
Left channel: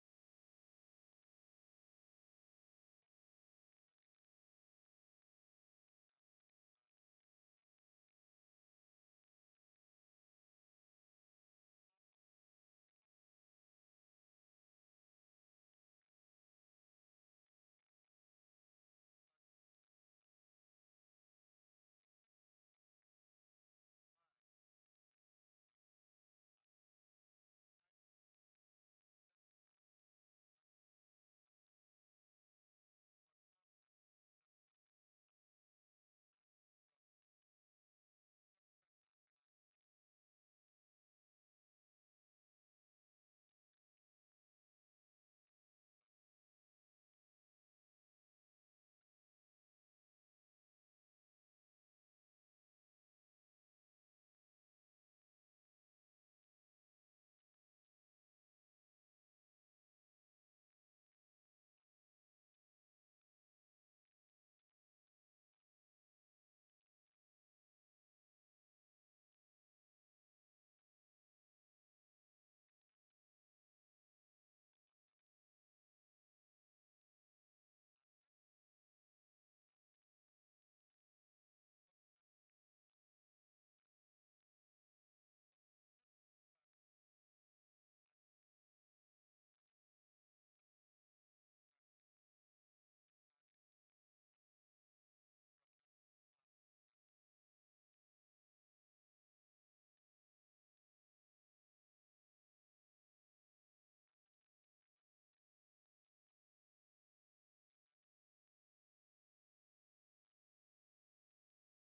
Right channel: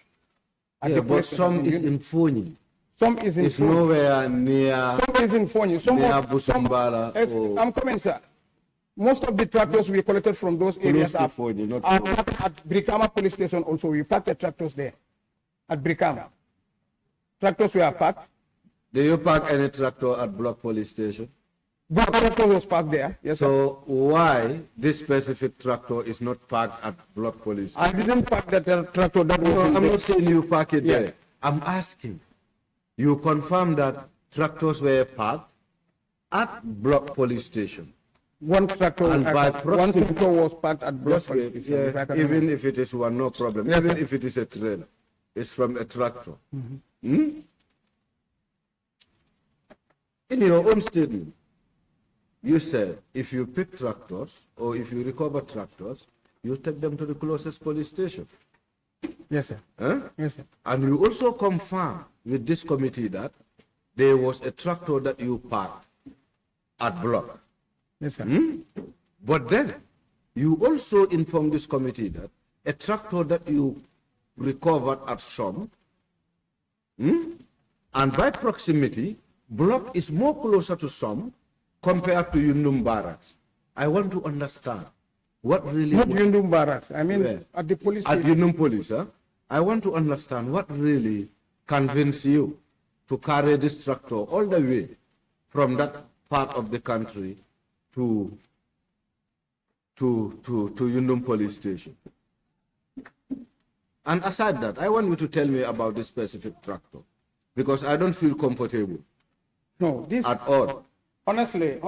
At Yeah, the but police station some is Yundum. in Foni. Some is in It's Foni. nowhere near Some is in Foni. Some near of, Busumbala Yes, or I'm coming, sir. Most of the tractors we collected from those areas to are Foni, not parked at Brikama police station also. We parked the tractors there at Brikama. Tractors were parked. Do you park any tractor at Block Police Station? But tractor was parked there. Yes, sir. So why this specific tractor is not parked at Block Police I Station? didn't park that tractor. That was No, in I'm there. not saying you park it Yeah. there. I'm asking. You confirm that tractors were parked at Block Police Station. One tractor, And by one proximity- tractor was parked at Block Yes, police station. If I yeah, can even if it is one, no problem. Yes, Even sir. if it is a trailer, it's from a tractor. In your own statement, you said if you pick tractors or if you recover tractors, you take them to the closest police station. Yes, sir. Huh? Yes, sir. And you also confirm with this committee that there was a tractor that you parked at Block. Yes, sir. But then you also inform this committee that a tractor that you recovered at Shom, and by proximity, Block is more closer to Shom compared to Yundum Barracks. I want to understand what really Not Yundum Barracks. I mean, Where? at the police at station. Yundum Police. Huh? I want to understand what really convinced you to carry this tractor all the way from that part of the country to Yundum Police Station. And aside that, I want you to tell me about this specific tractor because I don't feel comfortable No, this, at all. honestly,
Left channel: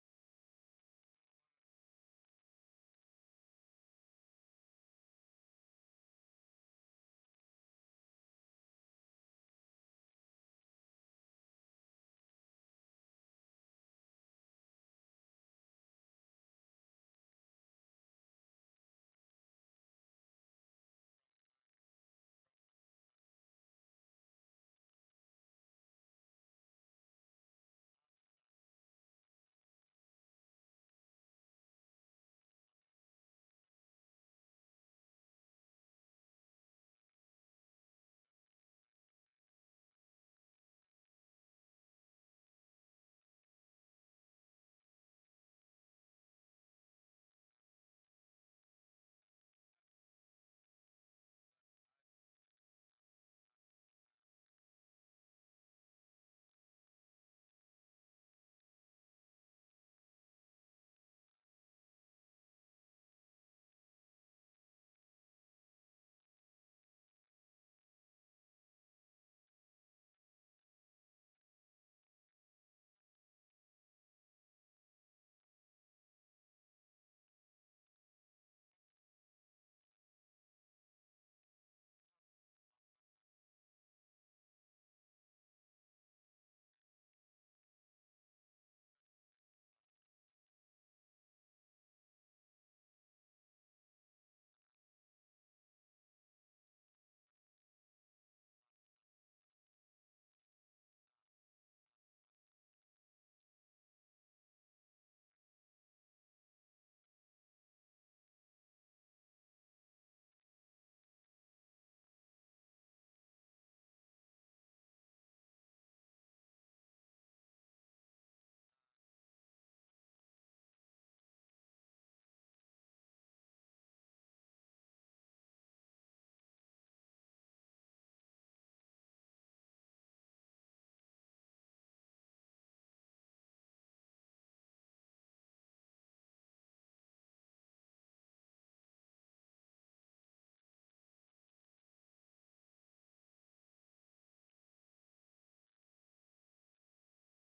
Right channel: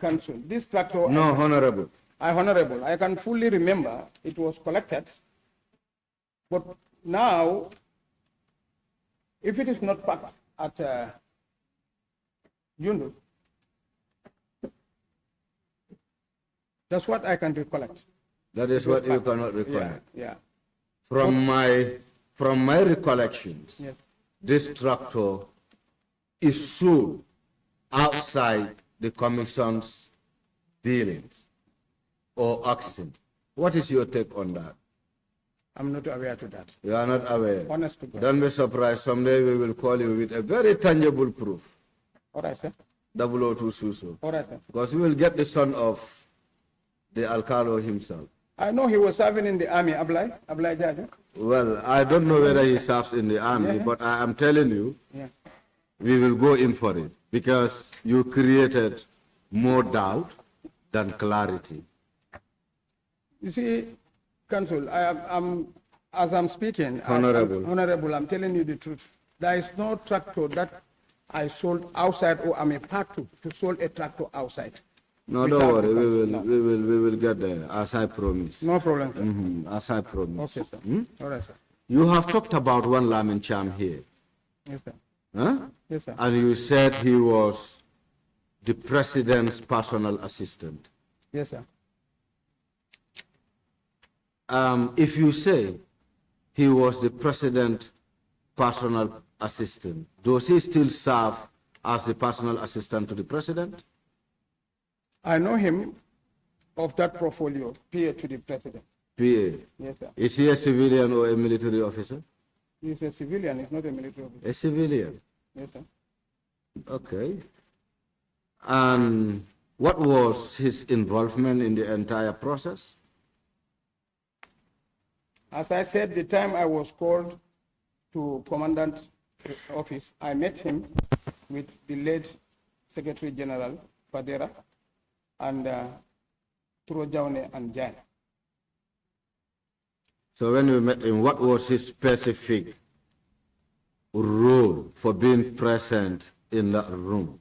Council, this tractor, No, Honorable. Honorable, I can fully remember it was collected. But now, if it is not parked at Yundu, that's what I can recollect. That is what you cannot Yeah, recollect. yeah. From my recollections, Yes. this tractor is sold outside the commission's dealings or auction. What is your take on that? I'm not aware to that. You are not aware. Honest to God. Don't be surprised. Someday we will call you with a very tangible proof. All right, sir. 002 Suso. All right, sir. Because we will get the son of the Alcalo himself. I know he was serving in the army, Ablai Jaja. Well, I don't know whether he serves in the army, Yeah. but I am telling you, Yeah. we will go in for it because you created more doubt than clarity. You see, Council, as I'm speaking, Honorable. Honorable, I'm telling you the truth. There is no tractor that I sold outside or I'm a part to sold a tractor outside. No, Without don't worry. the- We will get there, as I promised. No problem, sir. As I promised. Okay, sir. All right, sir. You have talked about one Lamin Cham here. Yes, sir. Huh? Yes, sir. And you said he was the president's personal assistant. Yes, sir. If you say he was the president's personal assistant, does he still serve as the personal assistant to the president? I know him of that portfolio, PA to the president. PA. Yes, sir. Is he a civilian or a military officer? He's a civilian, he's not a military officer. A civilian. Yes, sir. Okay. And what was his involvement in the entire process? As I said, the time I was called to commandant office, I met him with the late Secretary General Fadera and Jaune and Jan. So when you met him, what was his specific role for being present in that room?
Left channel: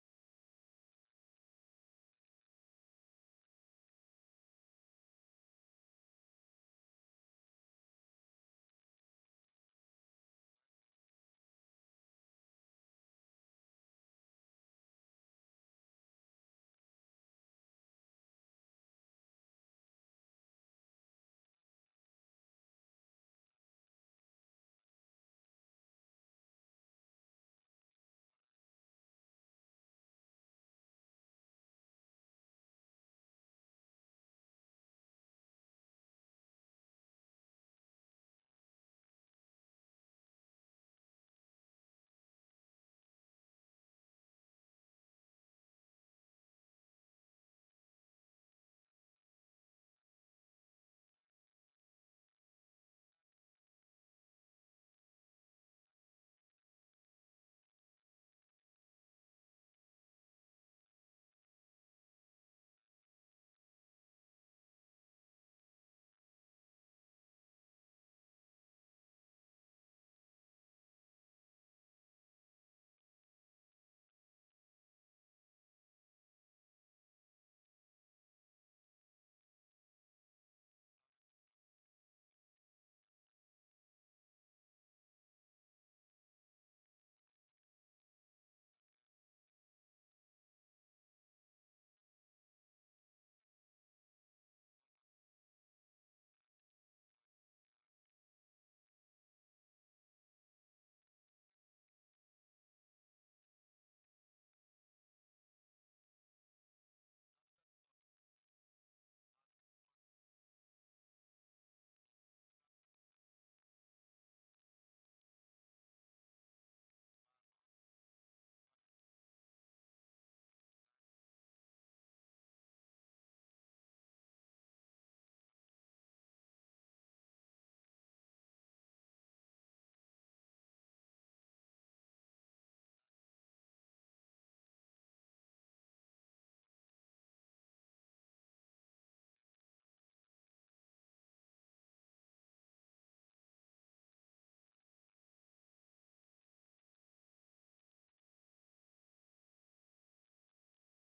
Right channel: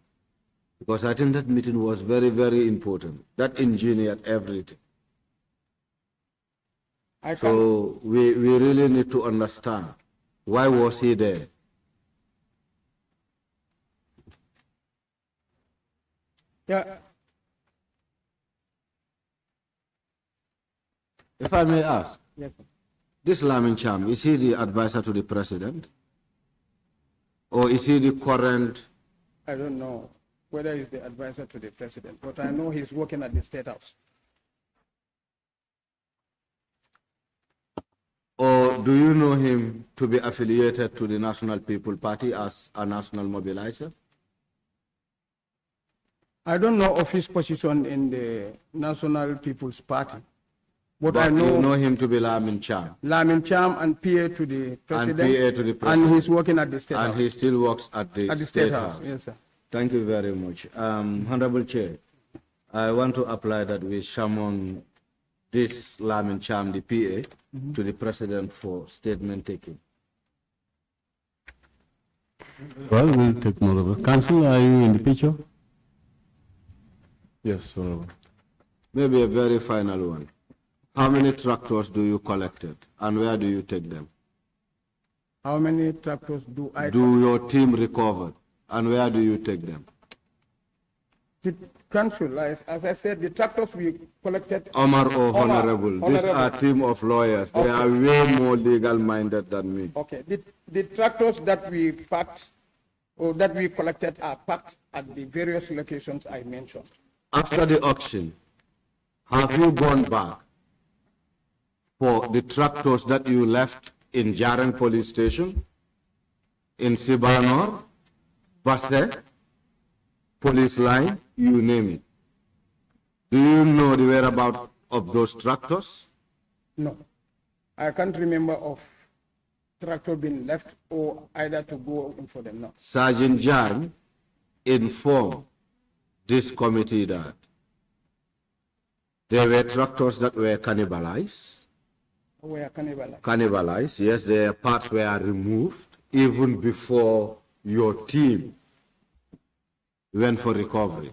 Because I think that meeting was very, very important. That engineered everything. So we really need to understand, why was he there? Yeah. If I may ask, Yes, sir. this Lamin Cham, is he the advisor to the president? Or is he the current? I don't know whether he's the advisor to the president, but I know he's working at the State House. do you know him to be affiliated to the National People Party as a national mobilizer? I don't know of his position in the National People's Party. But I know, you know him to be Lamin Cham. Lamin Cham and PA to the president. And PA to the president. And he's working at the State House. And he still works at the State House. Yes, sir. Thank you very much. Honorable Chair, I want to apply that we summon this Lamin Cham, the PA, to the president for statement taking. Well, we'll take note of it. Council, are you in the picture? Yes, Honorable. Maybe a very final one. How many tractors do you collected and where do you take them? How many tractors do I do your team recover and where do you take them? The council, as I said, the tractors we collected. Omar or Honorable, these are a team of lawyers. They are way more legal minded than me. Okay, the tractors that we packed or that we collected are packed at the various locations I mentioned. After the auction, have you gone back for the tractors that you left in Jaren police station, in Sibanor, Basse, police line, you name it? Do you know the whereabouts of those tractors? No, I can't remember of tractor being left or either to go in for them, no. Sergeant Jan informed this committee that there were tractors that were cannibalized. Were cannibalized? Cannibalized, yes, their parts were removed even before your team went for recovery.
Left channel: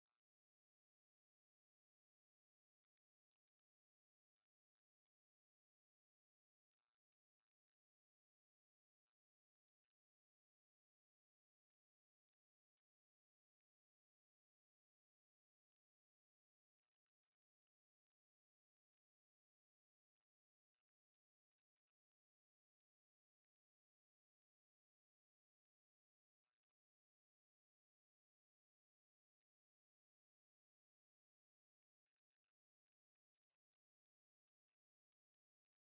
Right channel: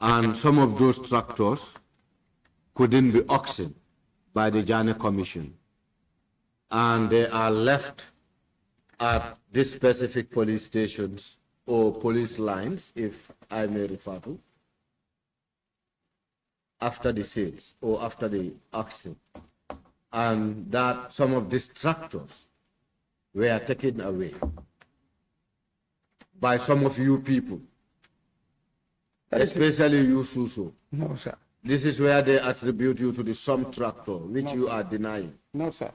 And some of those tractors couldn't be auctioned by the JANNEH Commission. And they are left at these specific police stations or police lines, if I may refer to, after the sales or after the auction. And that some of these tractors were taken away by some of you people, especially you, Suso. No, sir. This is where they attribute you to the some tractor, which you are denying. No, sir.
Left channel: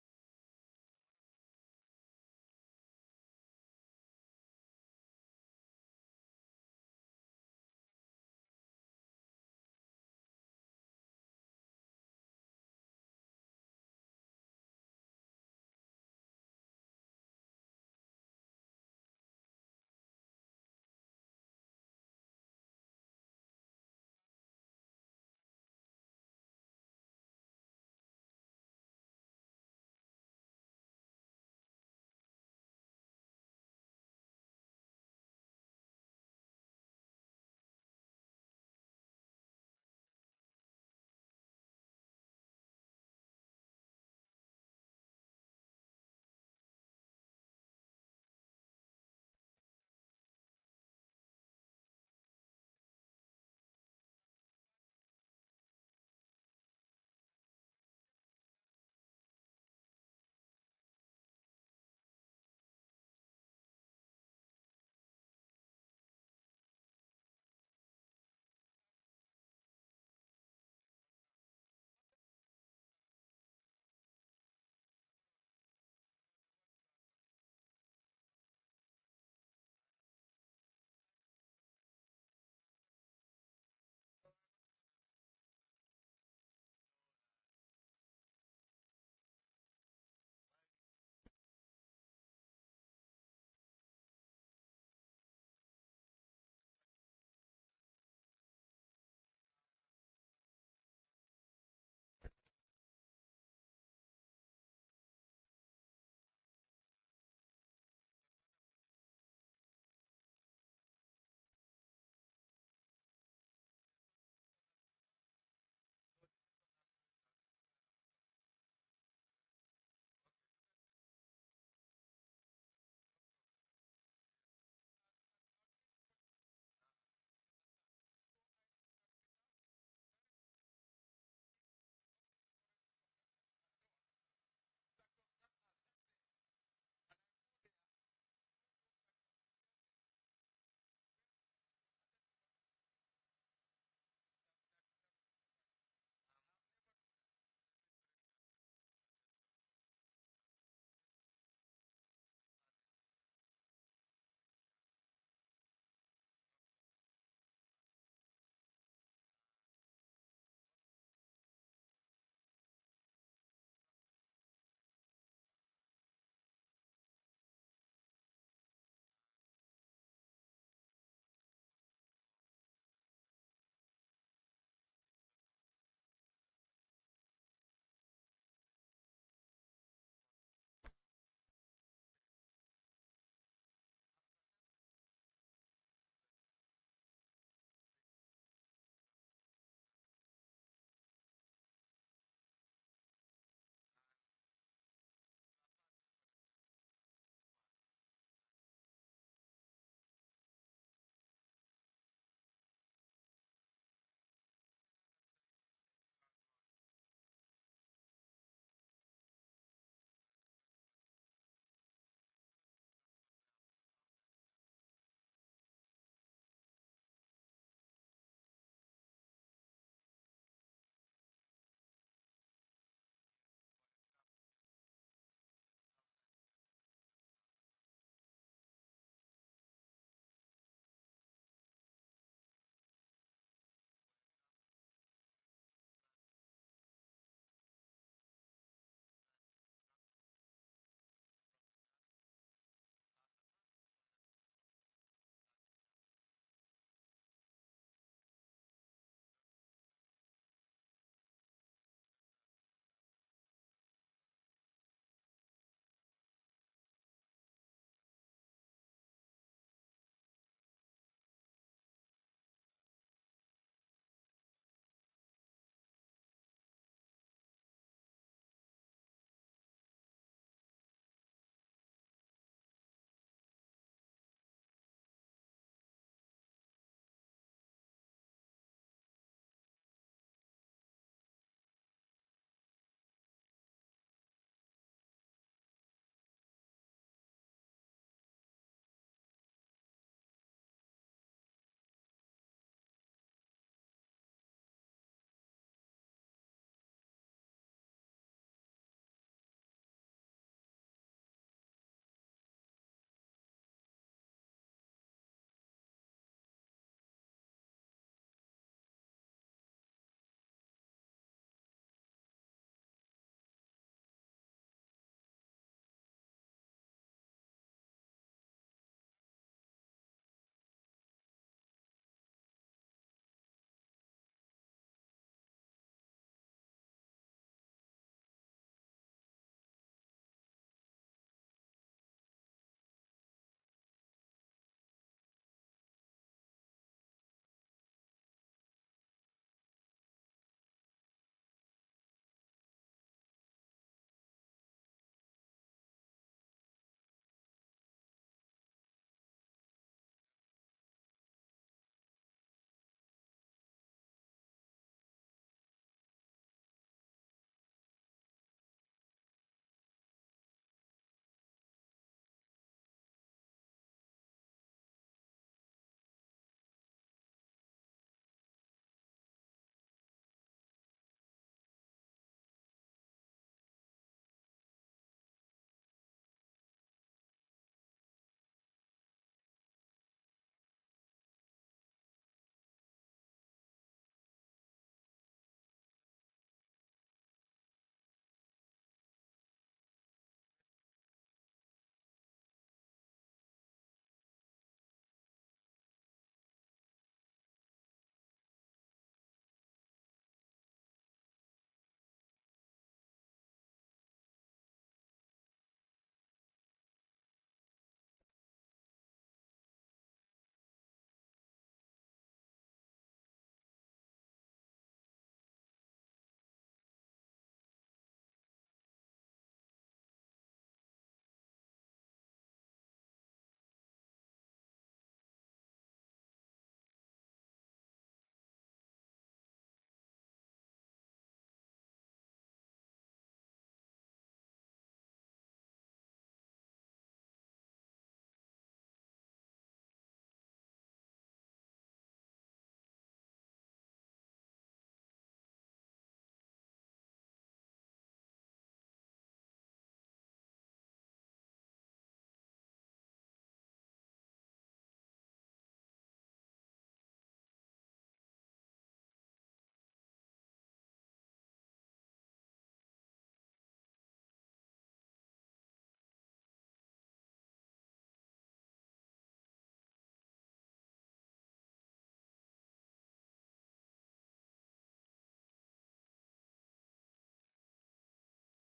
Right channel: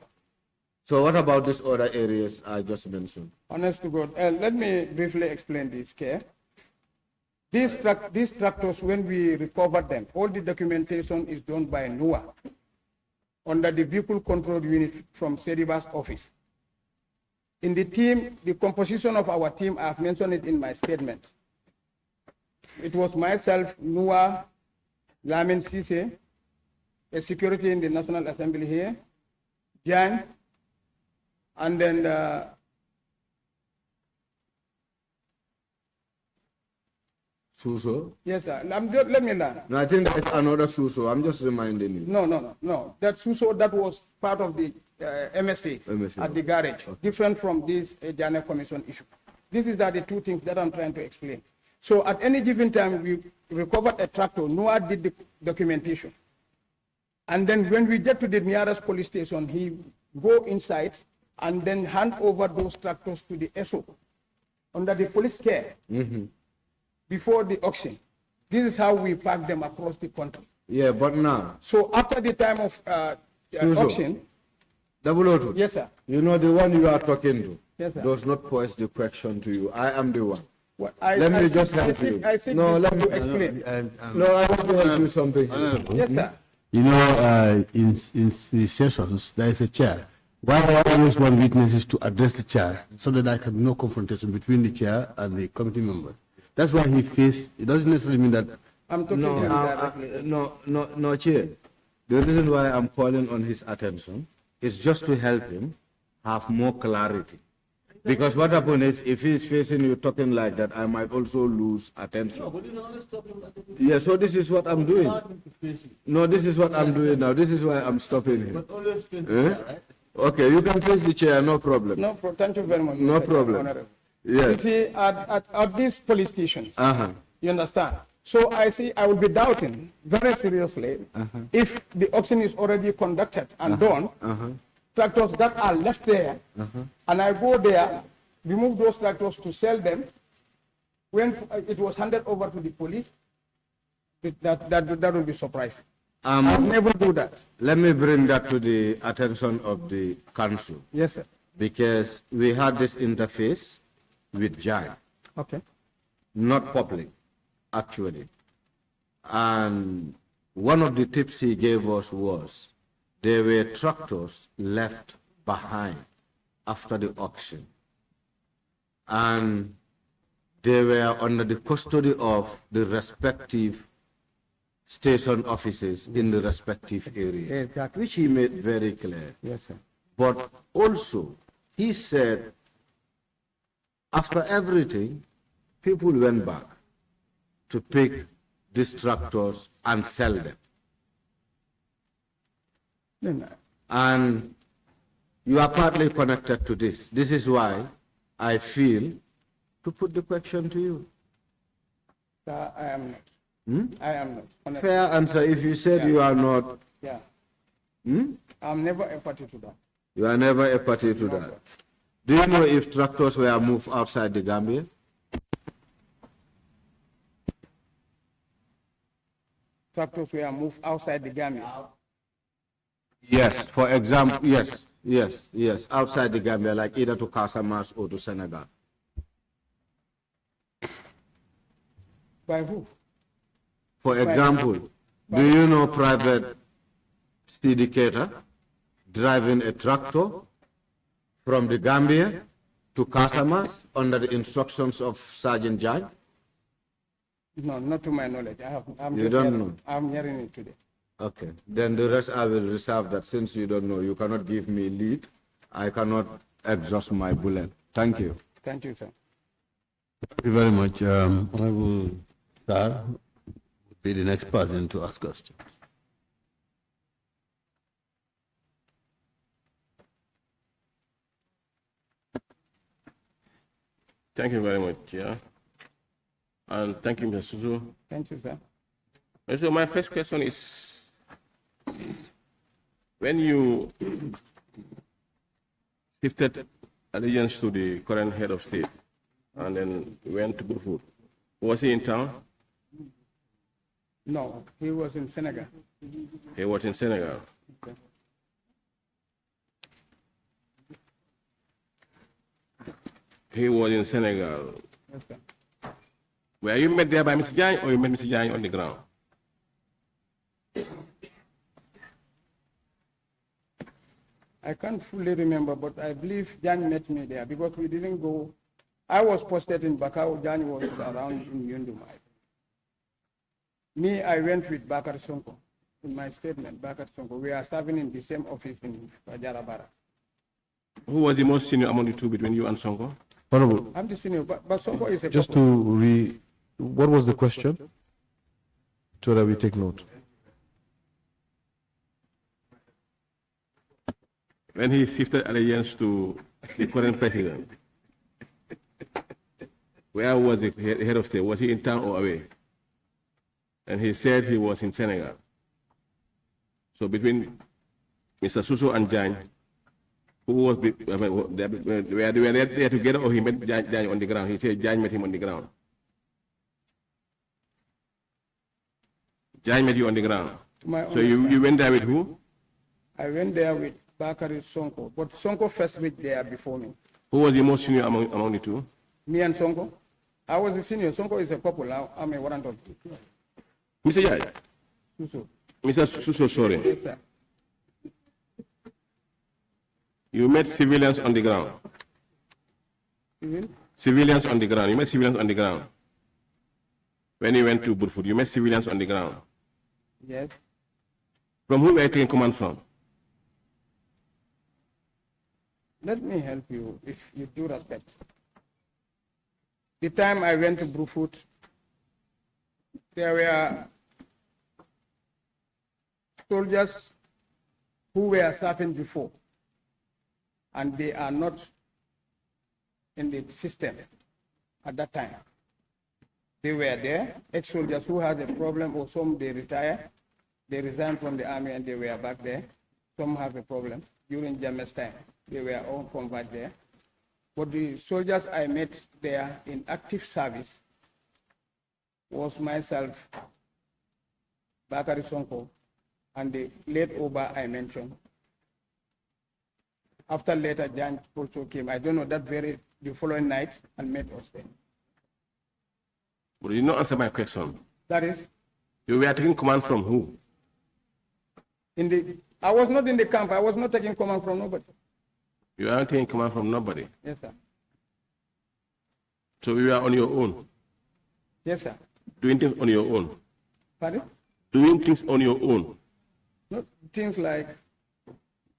So what about these other areas I just mentioned? Honest to God, let me briefly explain this, okay? These tractors, when we recover them, all the documentation is done by NUA under the Vehicle Control Unit from Seriba's office. In the team, the composition of our team, I've mentioned it in my statement. It was myself, NUA, Lamin Sise, a security in the National Assembly here, Jan, and then Suso? yes, sir. Let me learn. No, I think there's another Suso. I'm just reminding you. No. That Suso, that was part of the MSA at the garage, different from this JANNEH Commission issue. These are the two things that I'm trying to explain. So at any given time, we recovered a tractor. Noah did the documentation. And then when we get to the nearest police station, he go inside and then hand over those tractors to the SO under the police care before the auction. This is how we pack them across the country. Yeah, but now. So after the time of auction. Double O2. Yes, sir. You know the one you are talking to. Yes, sir. Does not pose the question to you. I am the one. Let me just help you. No, let me explain. No, I want to help you something. Yes, sir. You know, in the sessions, there is a chair. Why I always want witnesses to address the chair so that there can be no confrontation between the chair and the committee members. That's why he faced, it doesn't necessarily mean that. I'm talking to you directly. No, Chair. The reason why I'm calling on his attention is just to help him have more clarity. Because what happens is, if he's facing you talking like that, I might also lose attention. Yeah, so this is what I'm doing. No, this is what I'm doing now. This is why I'm stopping him. Okay, you can face the chair, no problem. No, thank you very much. No problem. Yes. You see, at this police station, you understand? So I will be doubting very seriously if the auction is already conducted and done, tractors that are left there, and I go there, remove those tractors to sell them, when it was handed over to the police, that will be surprising. I'll never do that. Let me bring that to the attention of the council, Yes, sir. because we had this interface with JANNEH, Okay. not public, actually. And one of the tips he gave us was there were tractors left behind after the auction. And they were under the custody of the respective station offices in the respective areas, Exactly. which he made very clear. Yes, sir. But also, he said, after everything, people went back to pick these tractors and sell them. Then, And you are partly connected to this. This is why I feel to put the question to you. sir, I am not. I am not. Honestly. Fair answer. If you said you are not, Yeah. I'm never a party to that. you are never a party to that. Do you know if tractors were moved outside the Gambia? Tractors were moved outside the Gambia. Yes, for example, yes, outside the Gambia, like either to Casamance or to Senegal. By who? For example, do you know private syndicator driving a tractor from the Gambia to Casamance under the instructions of Sergeant Jai? No, not to my knowledge. I'm You just don't hearing- know? I'm hearing it today. Okay, then the rest I will reserve that. Since you don't know, you cannot give me lead. I cannot exhaust my bullet. Thank you. Thank you, sir. Thank you very much. Honorable Sir will be the next person to ask questions. Thank you very much, Chair. And thank you, Mr. Suzu. Thank you, sir. And so my first question is, when you shifted allegiance to the current head of state and then went to Burfoot, was he in town? No, he was in Senegal. He was in Senegal. Okay. He was in Senegal. Yes, sir. Were you met there by Mr. Jai or you met Mr. Jai on the ground? I can't fully remember, but I believe Jan met me there because we didn't go. I was posted in Bakau, Jan was around in Yundumai. Me, I went with Bakar Sonko. In my statement, Bakar Sonko, we are serving in the same office in Fajarabara. Who was the most senior among the two between you and Sonko? Honorable, I'm the senior, but Sonko is a just couple. what was the question? So that we take note. When he shifted allegiance to the current president, where was the head of state? Was he in town or away? And he said he was in Senegal. So between Mr. Suso and Jan, who was, were they there together or he met Jan on the ground? He said Jan met him on the ground. Jan met you on the ground. To my So you understanding. went there with who? I went there with Bakari Sonko, but Sonko first went there before me. Who was the most senior among the two? Me and Sonko. I was the senior. Sonko is a couple. I'm a warrant of Mr. Jai, Suso. Mr. Suso, sorry. Yes, sir. You met civilians on the ground. Civil? Civilians on the ground. You met civilians on the ground. When you went to Burfoot, you met civilians on the ground. Yes. From who were you taking command from? Let me help you, if you do respect. The time I went to Brufut, there were soldiers who were serving before, and they are not in the system at that time. They were there, ex-soldiers who had a problem, or some they retire, they resigned from the army and they were back there. Some have a problem during JANNEH's time. They were all converted there. But the soldiers I met there in active service was myself, Bakari Sonko, and the late Oba I mentioned. After later, Jan also came. I don't know, the following night, and met us there. But you did not answer my question. That is, You were taking command from who? I was not in the camp. I was not taking command from nobody. You weren't taking command from nobody. Yes, sir. So you were on your own, Yes, sir. doing things on your own. Pardon? Doing things on your own. Not things like,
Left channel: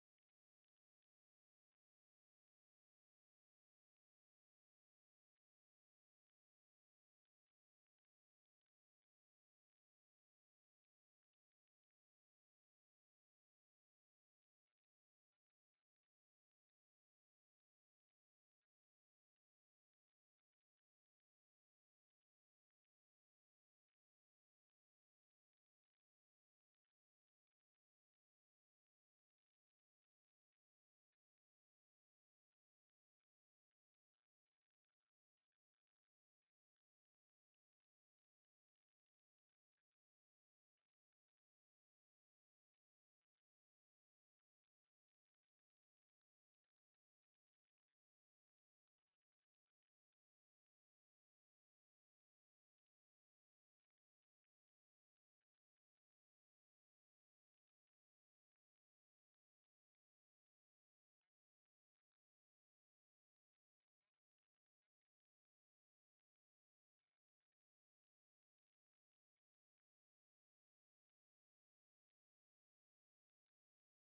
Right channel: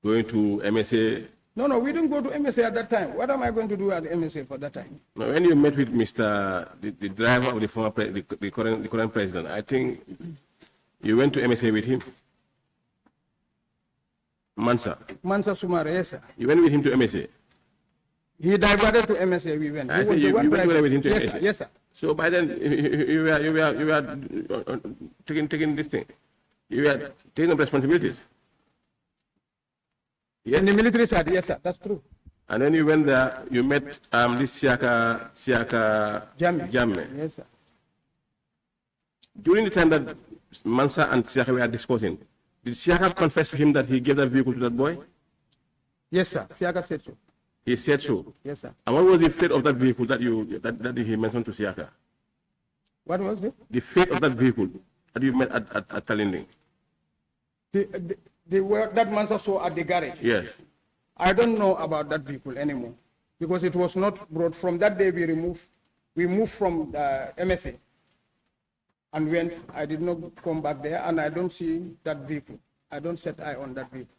Going to MSA. no, we didn't go to MSA at that time. What am I going to do at MSA for that time? Now, when you met with the driver of the former the current president, I think you went to MSA with him. Mansa. Mansa Sumare, yes, sir. You went with him to MSA. He diverted to MSA, we went. I He said was the you one went driving. with him to Yes, MSA. sir. Yes, sir. So by then you were taking this thing. You were taking up responsibilities. Yes. In the military side, yes, sir. That's true. And then you went there, you met this Siaka Jammeh. Yes, sir. During the time that Mansa and Siaka were discussing, did Siaka confess to him that he gave that vehicle to that boy? Yes, sir. Siaka said so. He said so. Yes, sir. And what was the fate of that vehicle that he mentioned to Siaka? What was it? The fate of that vehicle that you met at Talinding? That Mansa saw at the garage. Yes. I don't know about that vehicle anymore because it was not brought. From that day, we moved from MSA and went. I did not come back there, and I don't see that vehicle. I don't set eye on that vehicle.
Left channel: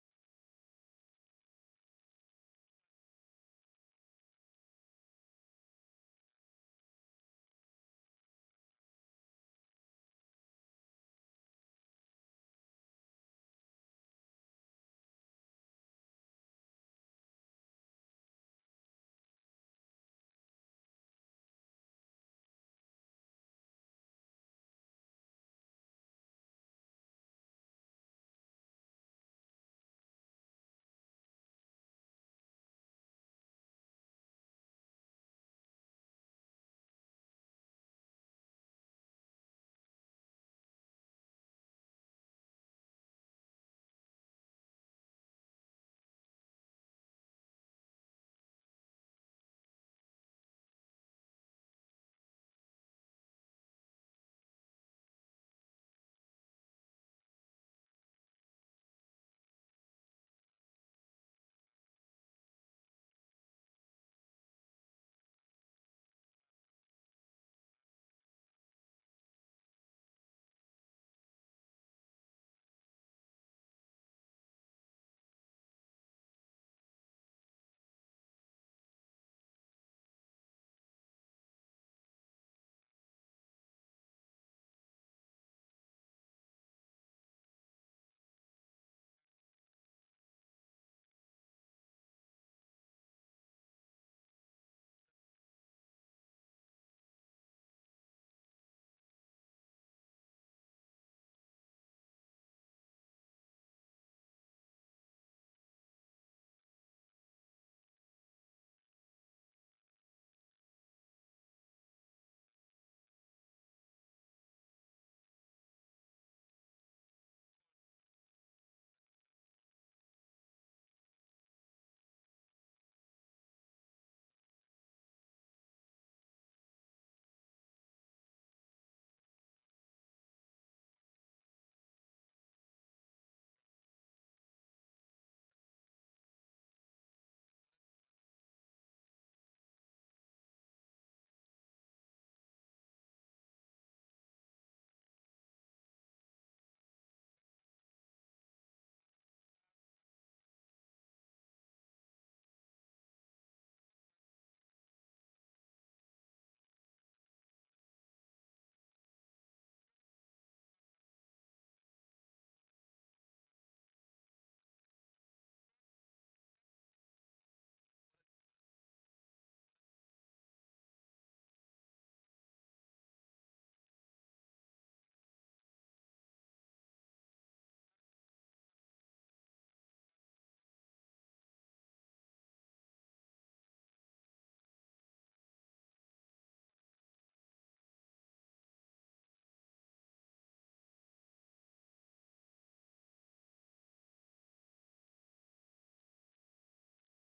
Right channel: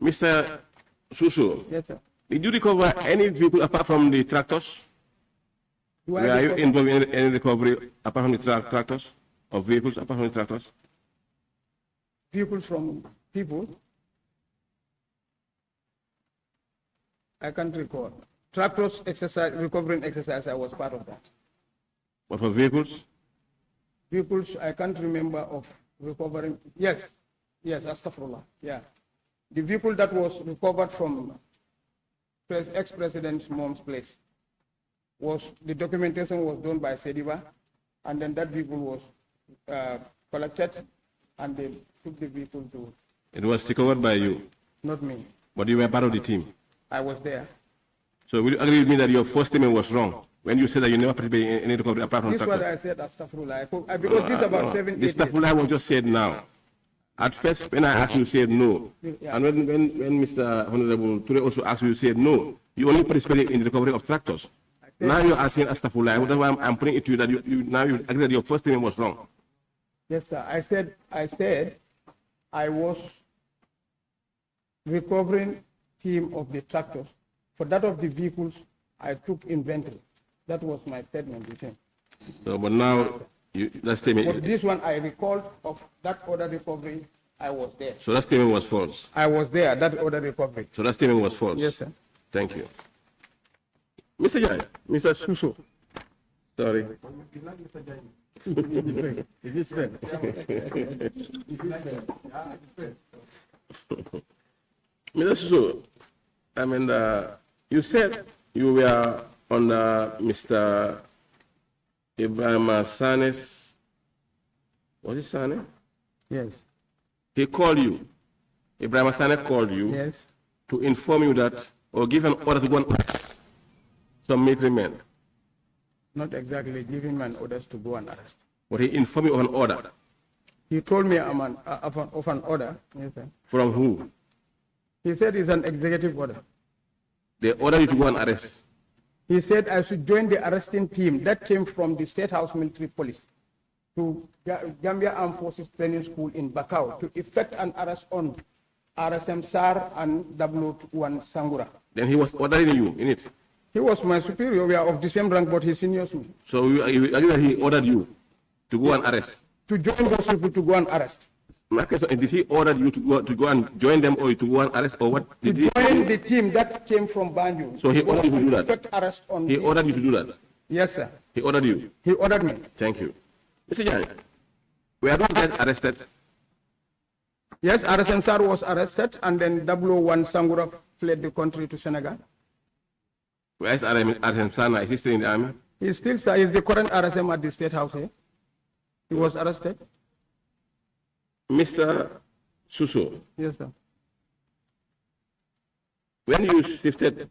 Mr. Suso, Yes, sir. did you recover any vehicle apart from the tractors? Were you involved in any recovery apart from the tractors, or vehicles apart from the tractors? Vehicles from people? I can't recall. Tractors exercise, recovering exercise, I was part of that. But for vehicles? Vehicles, I can't remember of recovering. Yes, Astaghfirullah, yeah. The vehicle that was recovered from ex-president's mom's place the documentation was done by Sediba, and then that vehicle was collected, and they took the vehicle to. It was recovered by you? Not me. But you were part of the team? I was there. So will you agree with me that your first statement was wrong when you said that you never participated in any recovery apart from This tractors? was I said Astaghfirullah. Because this about 7, 8 This years. Astaghfirullah was just said now. At first, when I asked you, you said no. Yeah. And when Mr. Honorable Ture also asked you, you said no. You only participated in the recovery of tractors. Now you're asking Astaghfirullah. That's why I'm putting it to you that now you agree that your first statement was wrong. Yes, sir. I said I was recovering team of the tractors. For that of the vehicles, I took inventory. That was my statement with him. So, but now that statement. But this one I recalled of that other recovery. I was there. So that statement was false. I was there. That other recovery. So that statement was false. Yes, sir. Thank you. Mr. Jai, Mr. Suso. Sorry. Is this fair? Mr. Suso, I mean, you said you were under Mr. Ibrahim Sane's, was it Sane? Yes. He called you. Ibrahim Sane called you Yes. to inform you that, or give an order to go and arrest some military men. Not exactly giving man orders to go and arrest. But he informed you of an order. He told me of an order. Yes, sir. From who? He said it's an executive order. They ordered you to go and arrest. He said I should join the arresting team that came from the State House Military Police to Gambia Armed Forces Training School in Bakau to effect an arrest on RSM SAR and W1 Sangura. Then he was ordering you in it. He was my superior. We are of the same rank, but he seniors me. So you agree that he ordered you to go and arrest? To join those people to go and arrest. My question is, did he order you to go and join them, or to go and arrest, or what? To Did he? join the team that came from Banjul. So he ordered you to do that? Effect arrest on He ordered you to do that? Yes, sir. He ordered you? He ordered me. Thank you. Mr. Jan, were those guys arrested? Yes, RSM SAR was arrested, and then W1 Sangura fled the country to Senegal. Where is RM Sana? Is he still in the army? He's still, sir, he's the current RSM at the State House here. He was arrested. Mr. Suso, Yes, sir. when you shifted,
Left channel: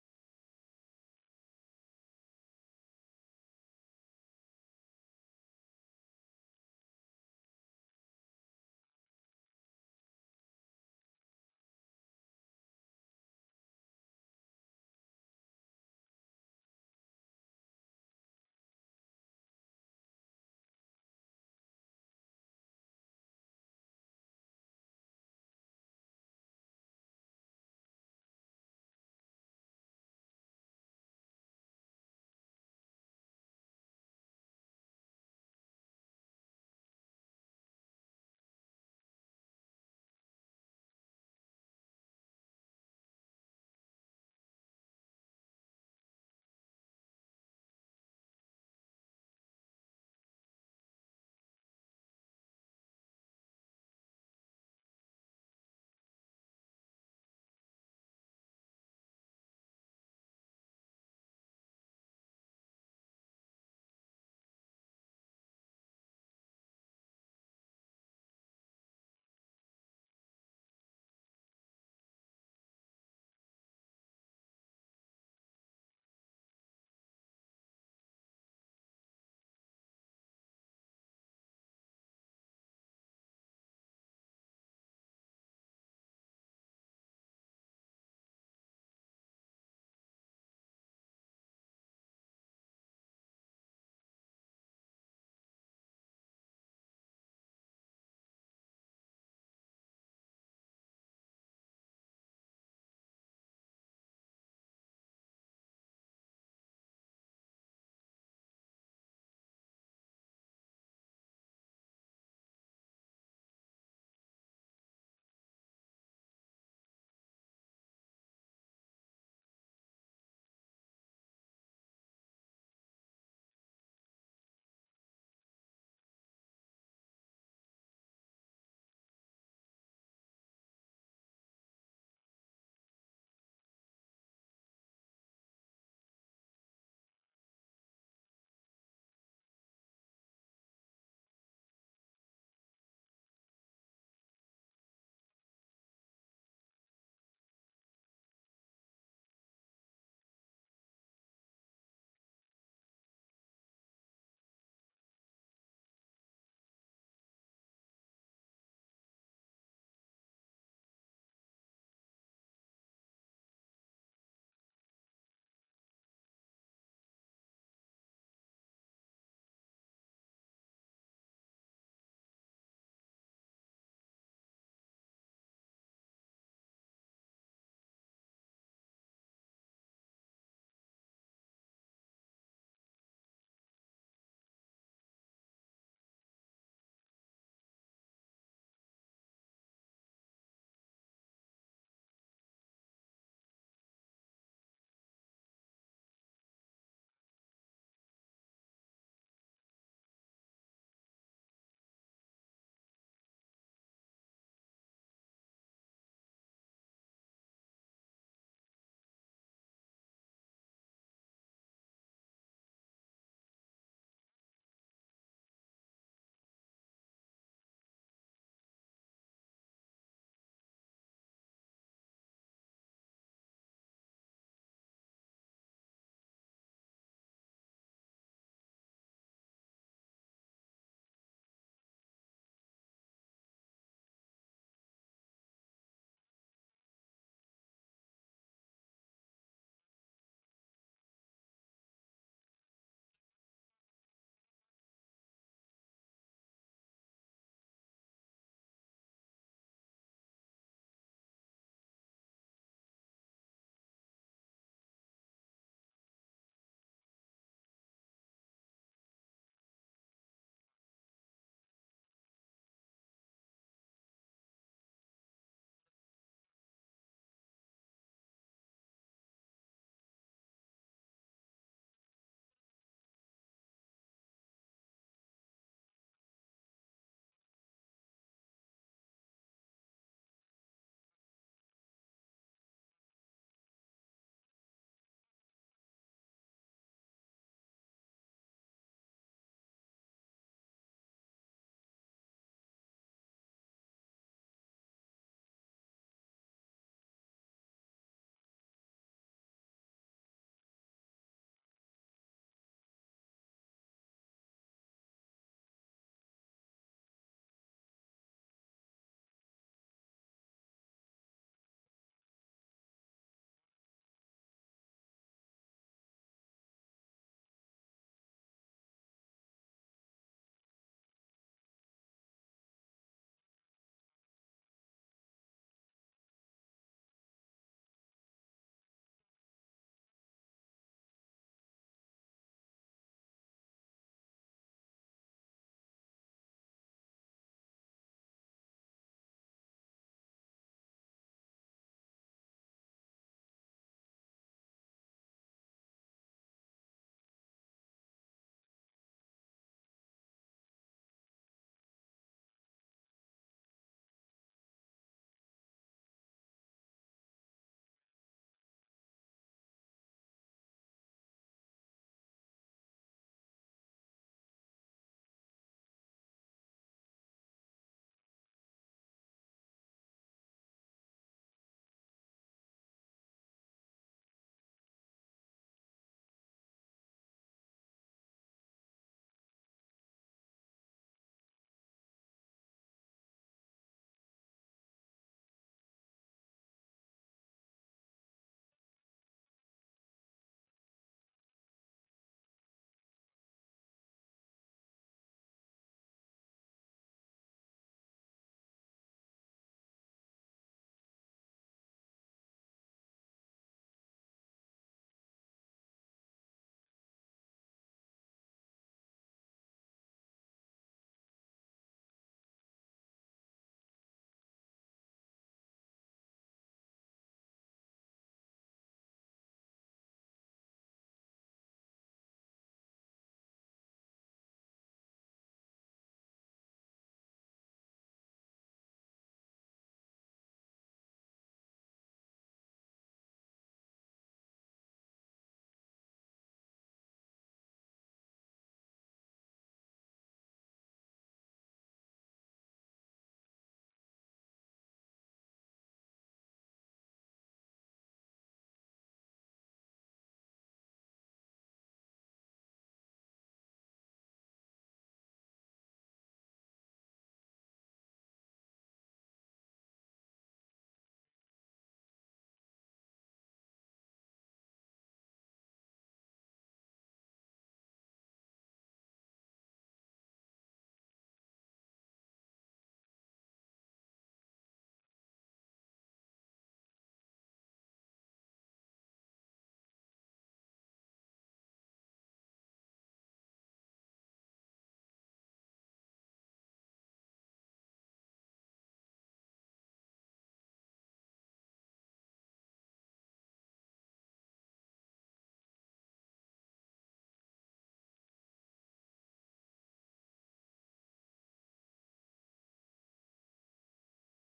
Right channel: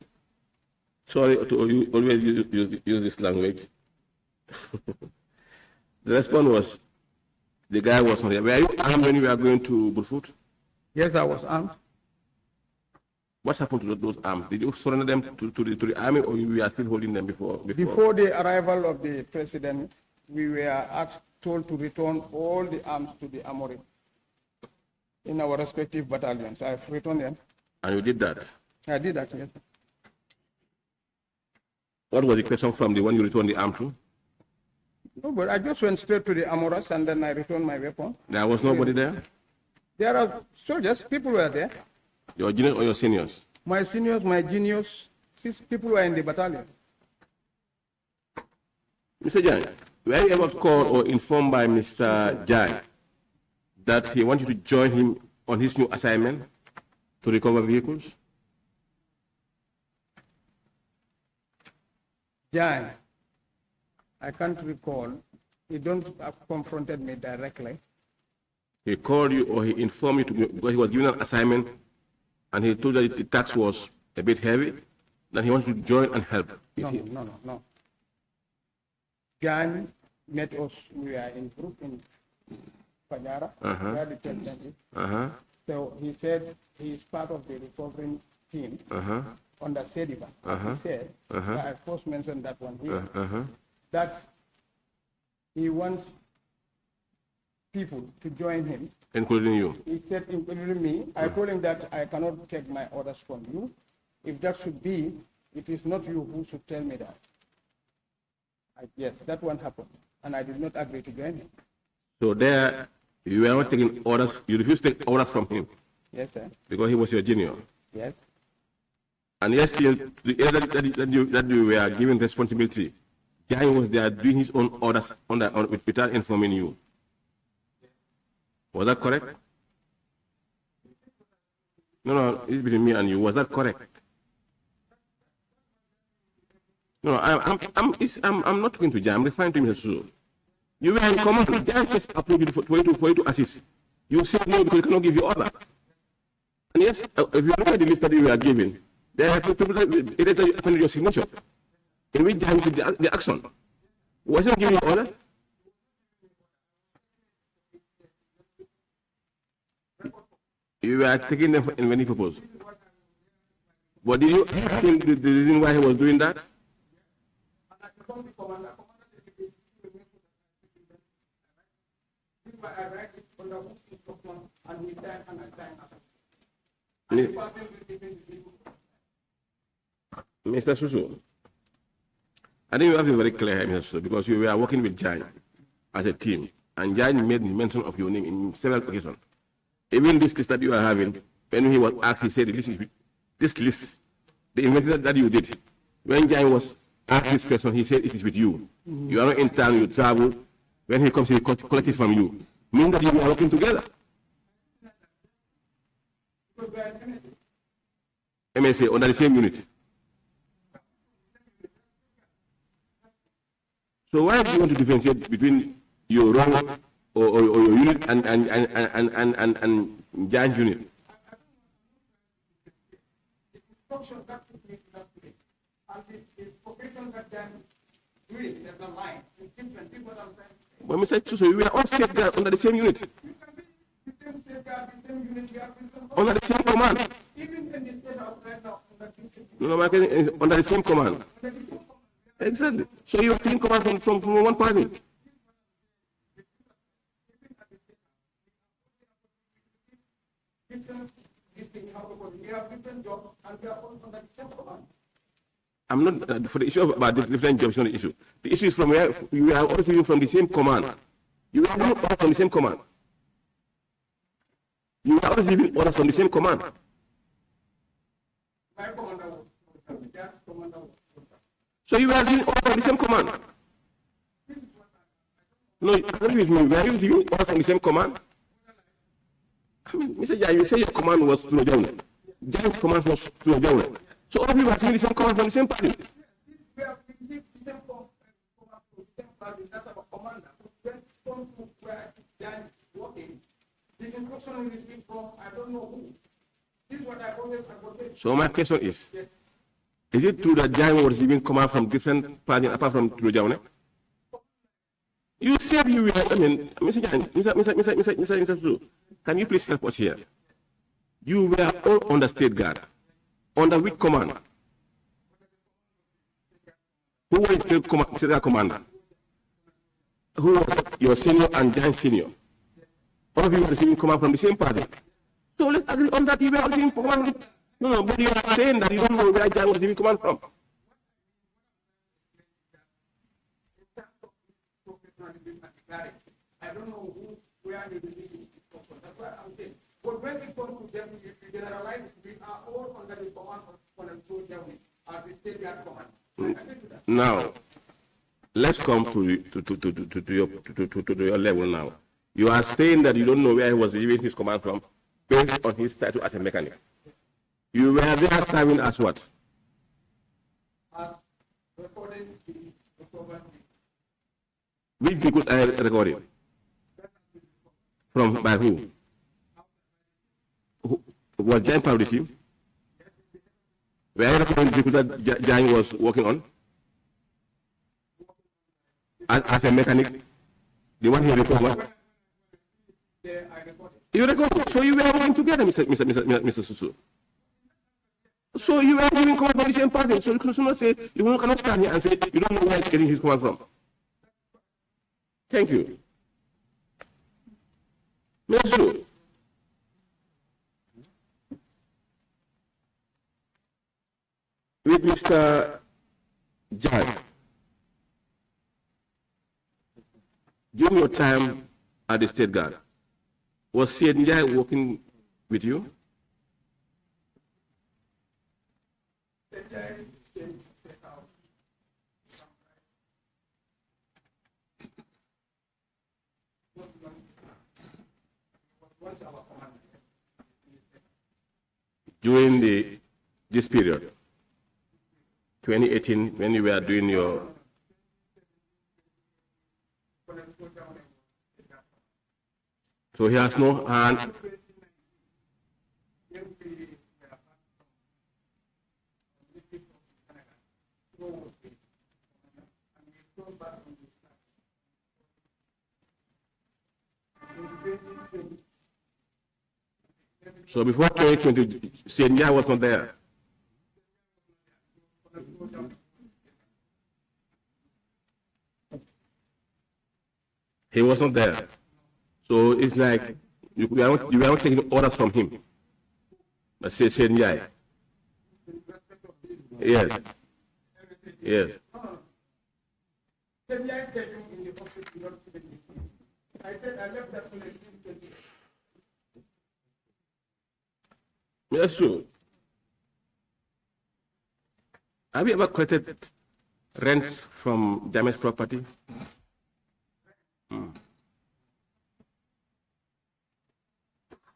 sorry to always use this language, the response was, the guy was not there. Were you armed when you were going to Burfoot? Yes, I was armed. What happened to those arms? Did you surrender them to the army, or you were still holding them before? Before the arrival of the president, we were told to return all the arms to the armory in our respective battalions. I've returned them. And you did that? I did that, yes. What was the question from the one you returned the arm to? No, but I just went straight to the armorers and then I returned my weapon. There was nobody there? There are soldiers, people were there. Your juniors or your seniors? My seniors, my juniors, people were in the battalion. Mr. Jan, were you ever called or informed by Mr. Jan that he wanted to join him on his new assignment to recover vehicles? Jan, I can't recall. He don't confronted me directly. He called you or he informed you because he was given an assignment and he told that the tax was a bit heavy, that he wanted to join and help. No. Jan met us, we are in group in Pajara, where the president is. So he said he is part of the recovering team under Sediba. He said, I first mentioned that one here, that he wants people to join him. Including you? He said, including me. I told him that I cannot take my orders from you. If that should be, it is not you who should tell me that. Yes, that one happened. And I did not agree to join him. So there, you were not taking orders, you refused to take orders from him? Yes, sir. Because he was your junior? Yes. And yes, still, the area that you were given responsibility, Jai was there doing his own orders without informing you. Was that correct? No, it's between me and you. Was that correct? No, I'm not talking to Jai. I'm referring to Mr. Suso. You were in command. Jai first approved you for you to assist. You said no because he cannot give you order. And yes, if you look at the list that you were given, there are people that appended your signature, in which Jai did the action. Wasn't giving you order? You were taking them for any purpose. But did you think the reason why he was doing that? Mr. Suso, I think you have to be very clear here, Mr. Suso, because you were working with Jai as a team, and Jai made mention of your name in several occasions. Even this list that you are having, when he was asked, he said, this list, the invention that you did, when Jai was asked this question, he said, it is with you. You are not in town, you travel. When he comes, he collect it from you. Meaning that you are working together. MSA, under the same unit. So why do you want to differentiate between your role or your unit and Jan's unit? When we said so, we are all safeguard under the same unit. Under the same command. No, under the same command. Exactly. So you are taking command from one party. I'm not for the issue about the different jobs, not the issue. The issue is from where you are also from the same command. You are not all from the same command. You are always giving orders from the same command. So you are giving orders from the same command. No, agree with me. Were you giving orders from the same command? I mean, Mr. Jai, you say your command was to Jai. Jai's command was to Jai. So all of you are giving the same command from the same party. The instruction is received from I don't know who. This is what I always advocate. So my question is it true that Jai was receiving command from different parties apart from Tulujawne? You said you were, I mean, Mr. Jan, Mr. Su, can you please help us here? You were all on the state guard. Under which command? Who was the state guard commander? Who was your senior and Jan senior? All of you were receiving command from the same party. So let's agree on that. You were receiving command. No, but you are saying that you don't know where Jan was receiving command from. I don't know where the decision is from. That's why I'm saying. But when it comes to them, if you generalize, we are all under the command of Colonel Germany as the state guard command. Now, let's come to your level now. You are saying that you don't know where he was receiving his command from based on his title as a mechanic. You were there serving as what? Recording the program. Which vehicle are recording? From by who? Was Jan part of the team? Were you recording the vehicle that Jan was working on? As a mechanic? The one he recorded? You recorded. So you were working together, Mr. Susu. So you were giving command from the same party. So you cannot say, you cannot stand here and say, you don't know where he's getting his command from. Thank you. Mr. Susu. With Mr. Jai, during your time at the State Guard, was Syed Jai working with you? During this period, 2018, when you were doing your so he has no hand. So before 2020, Senya was not there. He was not there. So it's like you are not taking orders from him. Let's say Senya. Yes. Yes. I said I left that place. That's true. Have you ever collected rents from damaged property?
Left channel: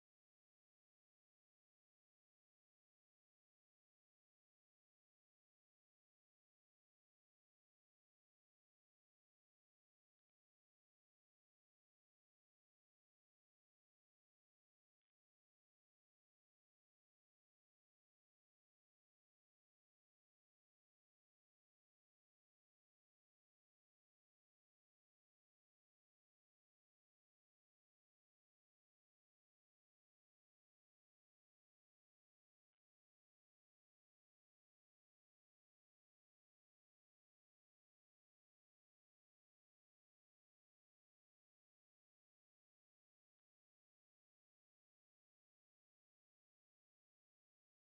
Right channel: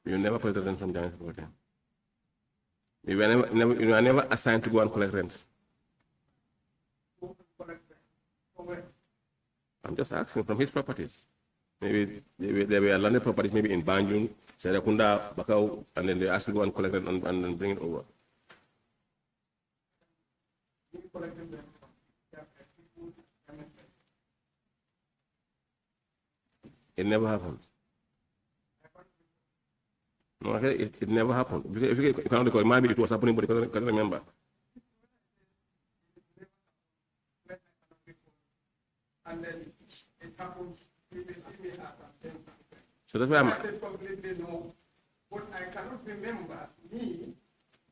You never collected rent from damaged property. You were never assigned to go and collect rents. I'm just asking from his properties. Maybe there were landed properties, maybe in Banjul, Serakunda, Bakau, and then they asked to go and collect it and then bring it over. It never happened. No, it never happened. If you cannot recall, maybe it was happening, but you can't remember. And then it happens. So that's why I'm. I said completely no, but I cannot remember me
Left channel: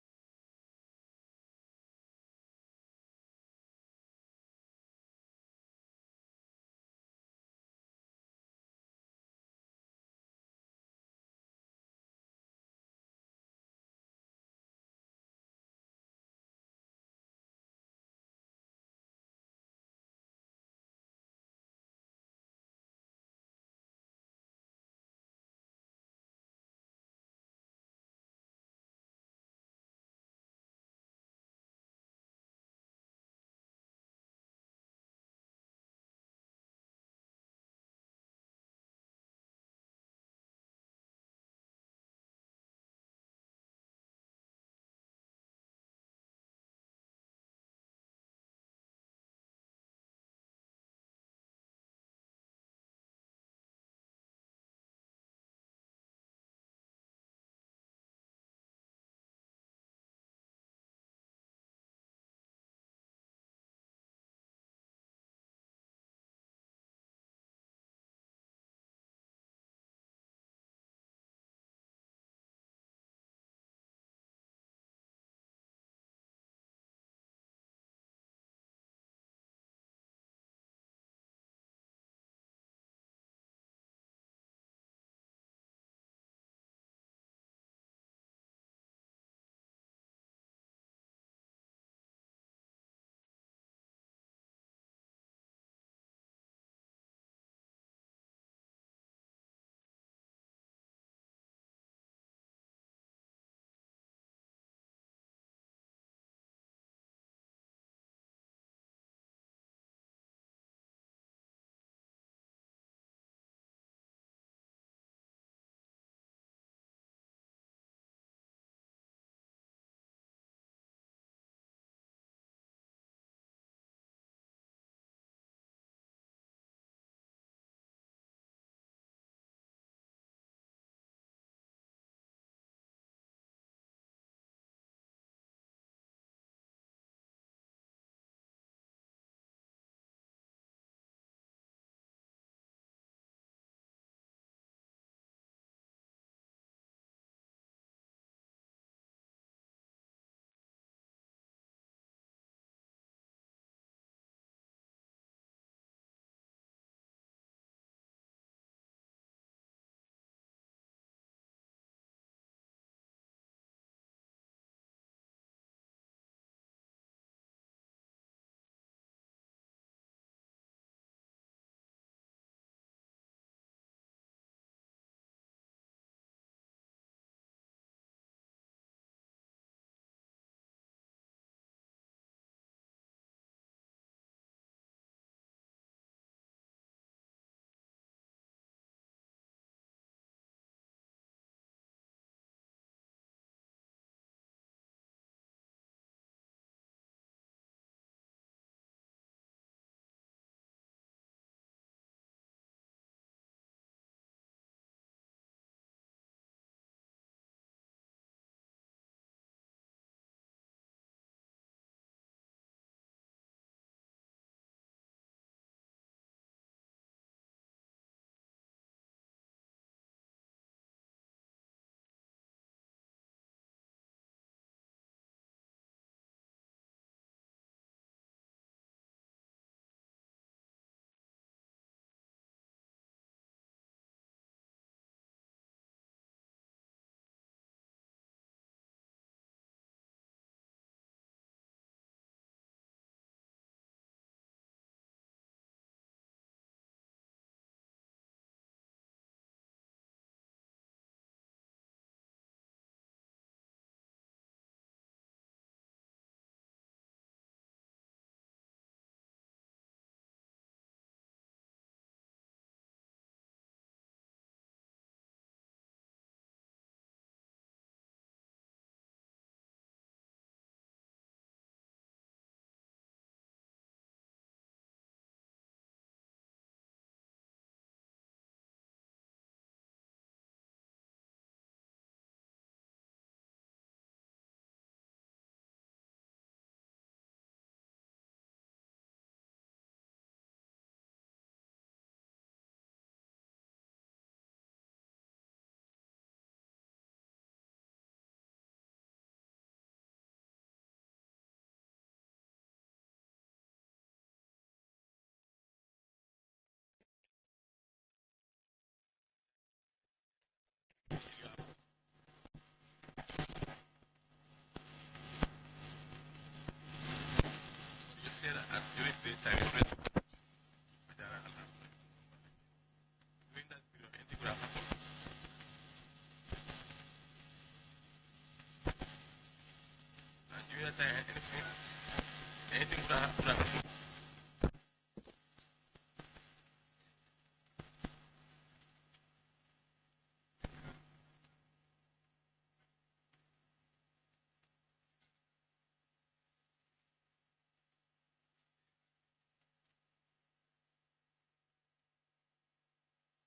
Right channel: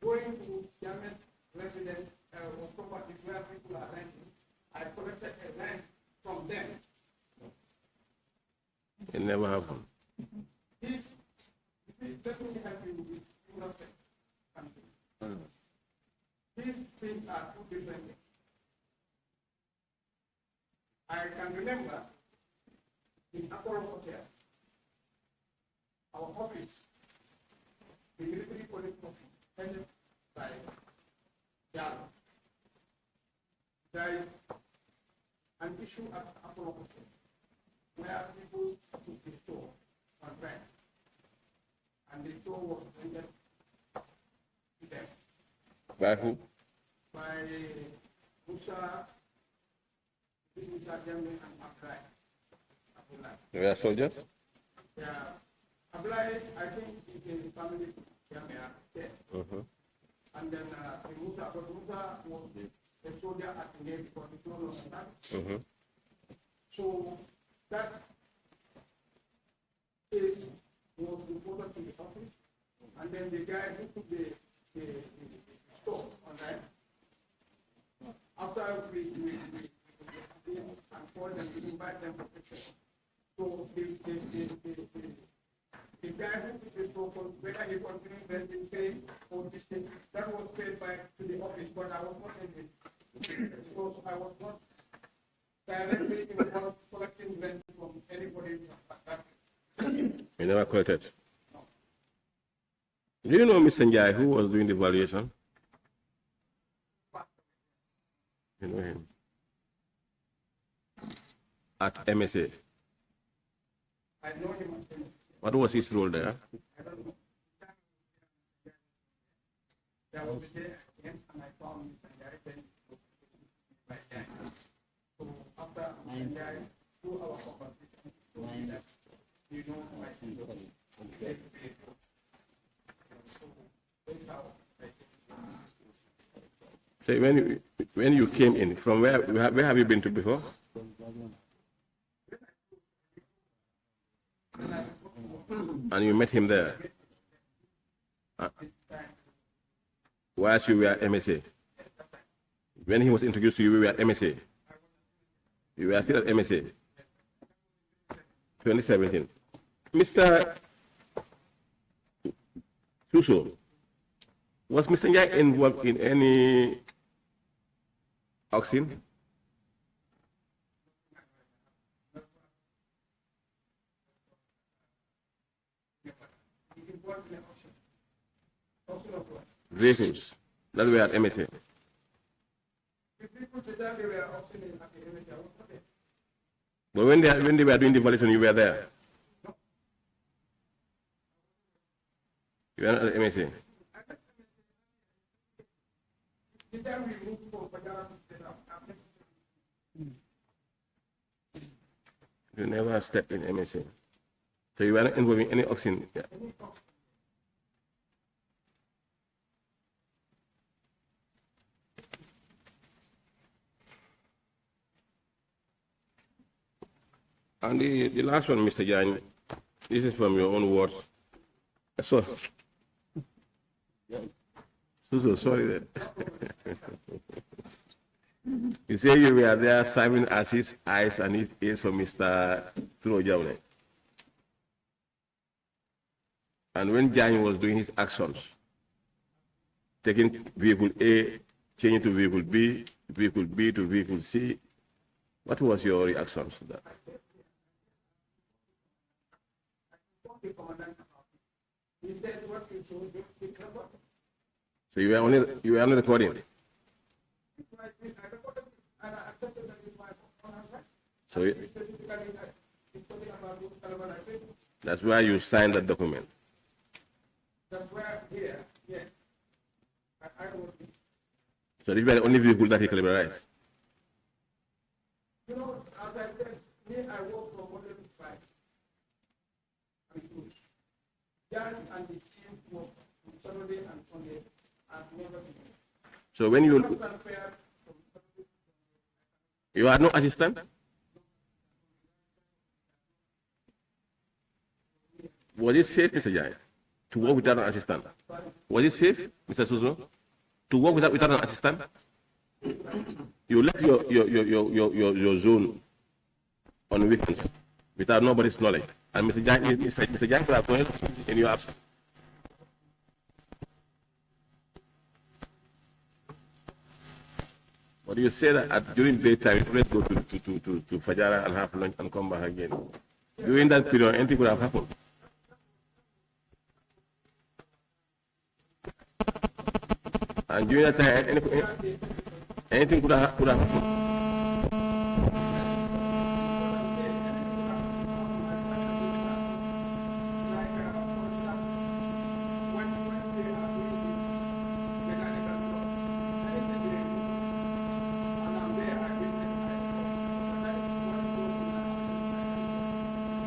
going to German residence or properties where people are renting. I collected a rent from them. It never happened. Let me help you with innocent something. These things are two different things. I can remember in Apollo Hotel, our office, the military police office, headed by Jallo. There is an issue at Apollo Hotel where people took the store on rent. and the show was rendered to them By who? by Musa, JANNEH and Abdullah. They were soldiers? Yeah, Abdullah, I think is a family JANNEH. And then Musa, but Musa was a soldier at the Navy for the throne of the So that case was reported to the office, and then the guy who took the store on that, after we and call them, we invite them for picture. So the guy who took the store, whether he continued to pay or this thing, that was paid back to the office, but I was not in it. Because I was not directly involved collecting rent from anybody like that. You never collected? No. Do you know Mr. Njai who was doing the valuation? You know him? At MSA. I know him. What was his role there? I don't know. There was a day again, and I found Mr. Njai then. So after Njai, through our conversation, you know my sister. So when you came in, from where have you been to before? And you met him there? Whilst you were at MSA? When he was introduced to you, we were at MSA? You were still at MSA? 2017. Mr. Suso, was Mr. Njai involved in any auction? Vehicles that were at MSA. But when they were doing the valuation, you were there. You were not at MSA. You never stepped in MSA. So you were not involved in any auction. Yeah. And the last one, Mr. Jan, this is from your own words. So sorry that. You say you were there serving as his eyes and his ears for Mr. Janeh. And when Jan was doing his actions, taking vehicle A, changing to vehicle B to vehicle C, what was your reaction to that? So you were only recording. So that's why you signed that document. So this was the only vehicle that he collaborated. You know, as I said, me, I work from Monday to Friday. Jan and the team work on Saturday and Sunday. So when you are no assistant? Was it safe, Mr. Jai, to work without an assistant? Was it safe, Mr. Suso, to work without an assistant? You left your zone on weekends without nobody's knowledge. And Mr. Jai could have done in your absence. But you say that during daytime, you let's go to Fajara and have lunch and come back again. During that period, anything could have happened. And during that time, anything could have happened.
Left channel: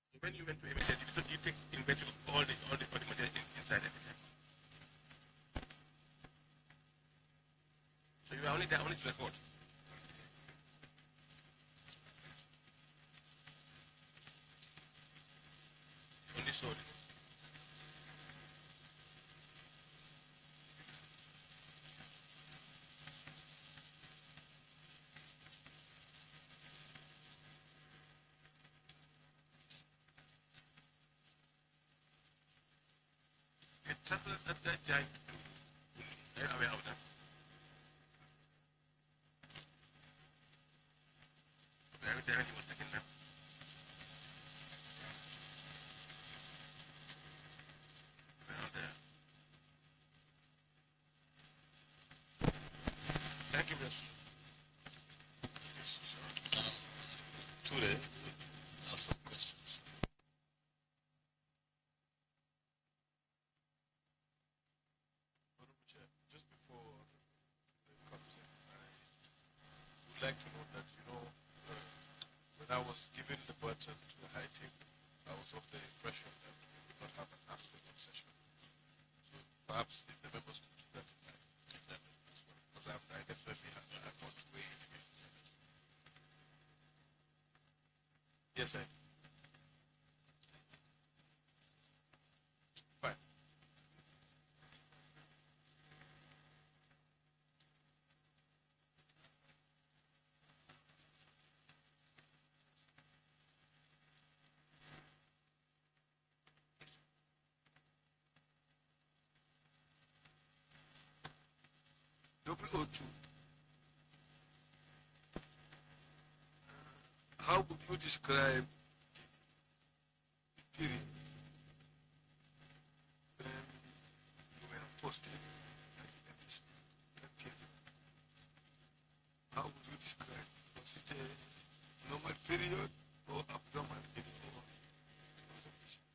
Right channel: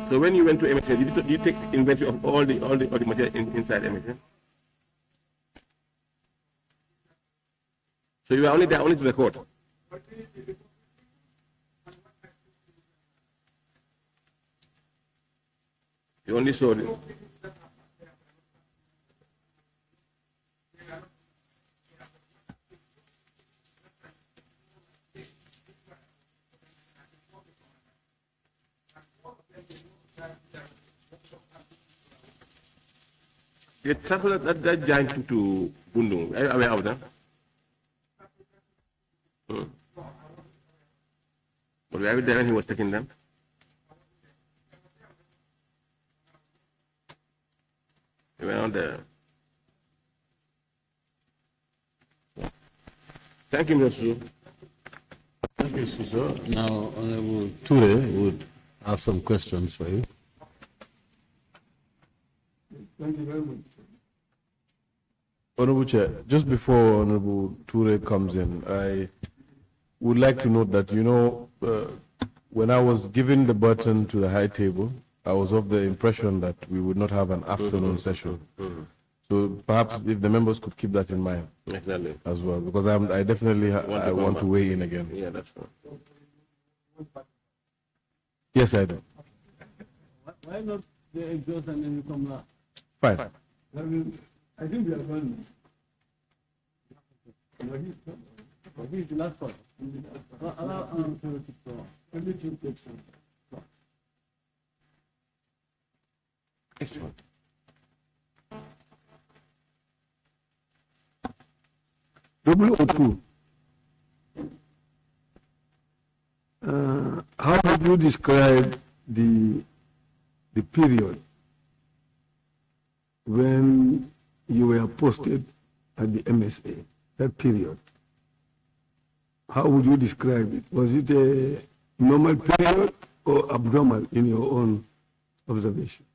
So when you went to MSN, did you take inventory of all the material inside MSN? So you were only there only to record. You only saw it. The transfer that giant to Bundung, are you aware of that? But were you there when he was taking them? You were not there. Thank you, Mr. Thank you, Suso. Now, Honorable Ture would have some questions for you. Thank you very much. Honorable Chair, just before Honorable Ture comes in, I would like to note that, when I was given the button to the high table, I was of the impression that we would not have an afternoon session. So perhaps if the members could keep that in mind as well, because I definitely want to weigh in again. Yeah, that's fine. Yes, I do. Why not the exhaust and then you come now? Fine. I think we are going. He's the last one. Excellent. W02. How would you describe the period when you were posted at the MSA, that period? How would you describe it? Was it a normal period or abnormal in your own observation?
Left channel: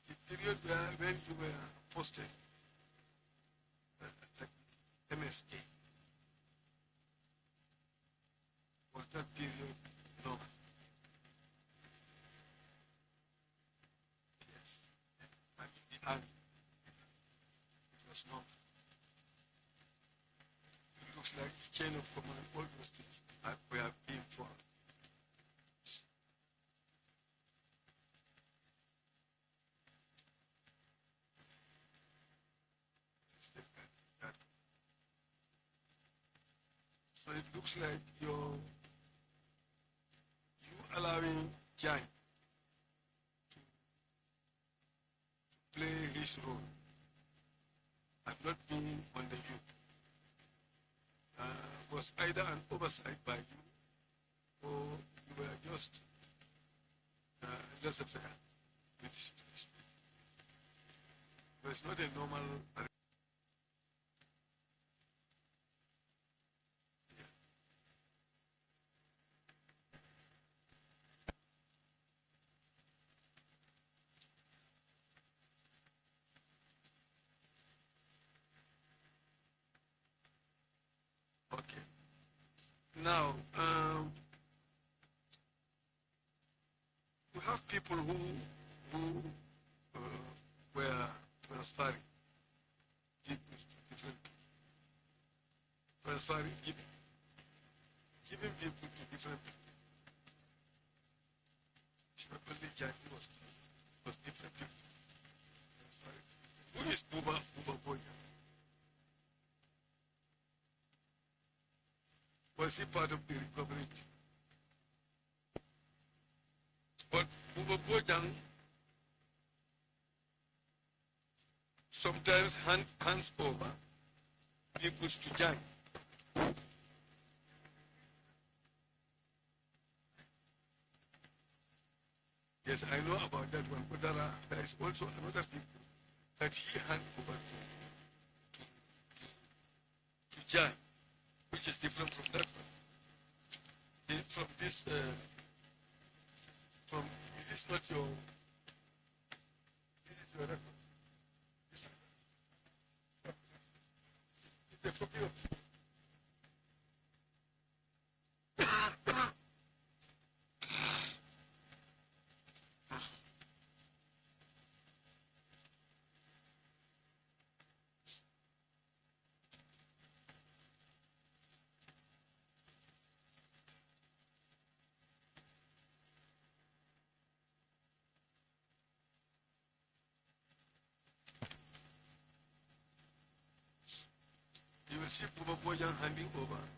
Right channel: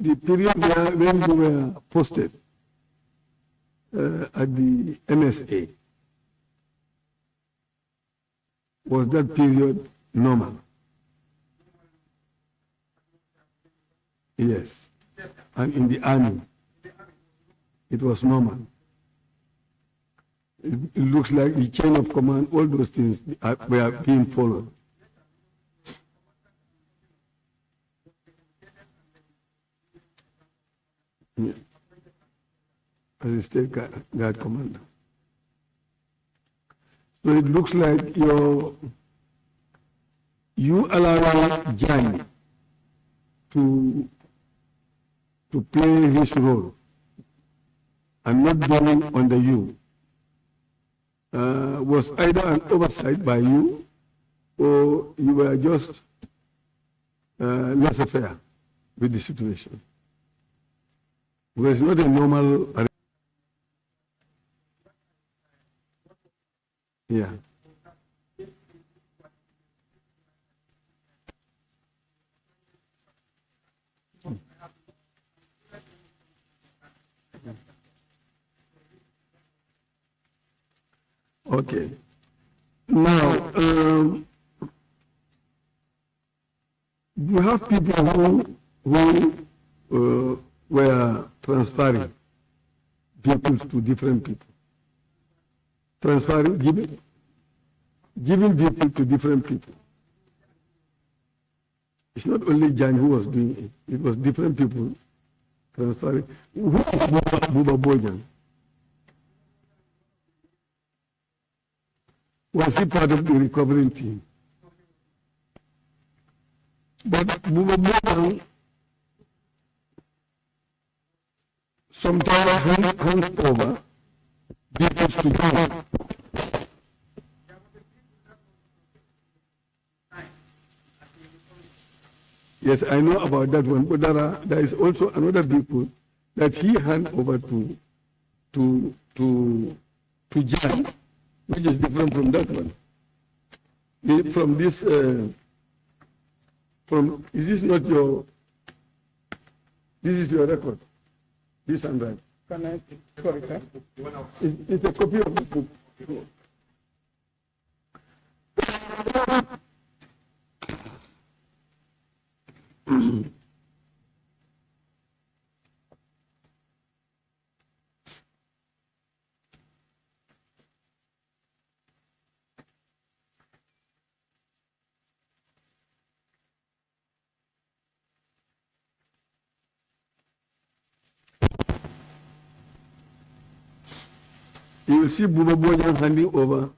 The period when you were posted at the MSA, was that period normal? Yes. And in the army, it was normal. It looks like the chain of command, all those things were being followed. Yeah. As a state guard commander. So it looks like you allow JANNEH to play his role and not being under you was either an oversight by you or you were just laissez-faire with the situation. Because it's not a normal. Yeah. Okay. Now, you have people who were transferring vehicles to different people. Giving vehicle to different people. It's not only JANNEH who was doing it, it was different people transferring. Who is Buba Bojan? Was he part of the recovering team? But Buba Bojan sometimes hands over vehicles to JANNEH. Yes, I know about that one, but there is also another vehicle that he hand over to JANNEH, which is different from that one. From this, is this not your? This is your record. This handwriting. Can I, sorry, sir? It's a copy of the book. You will see Buba Bojan handing over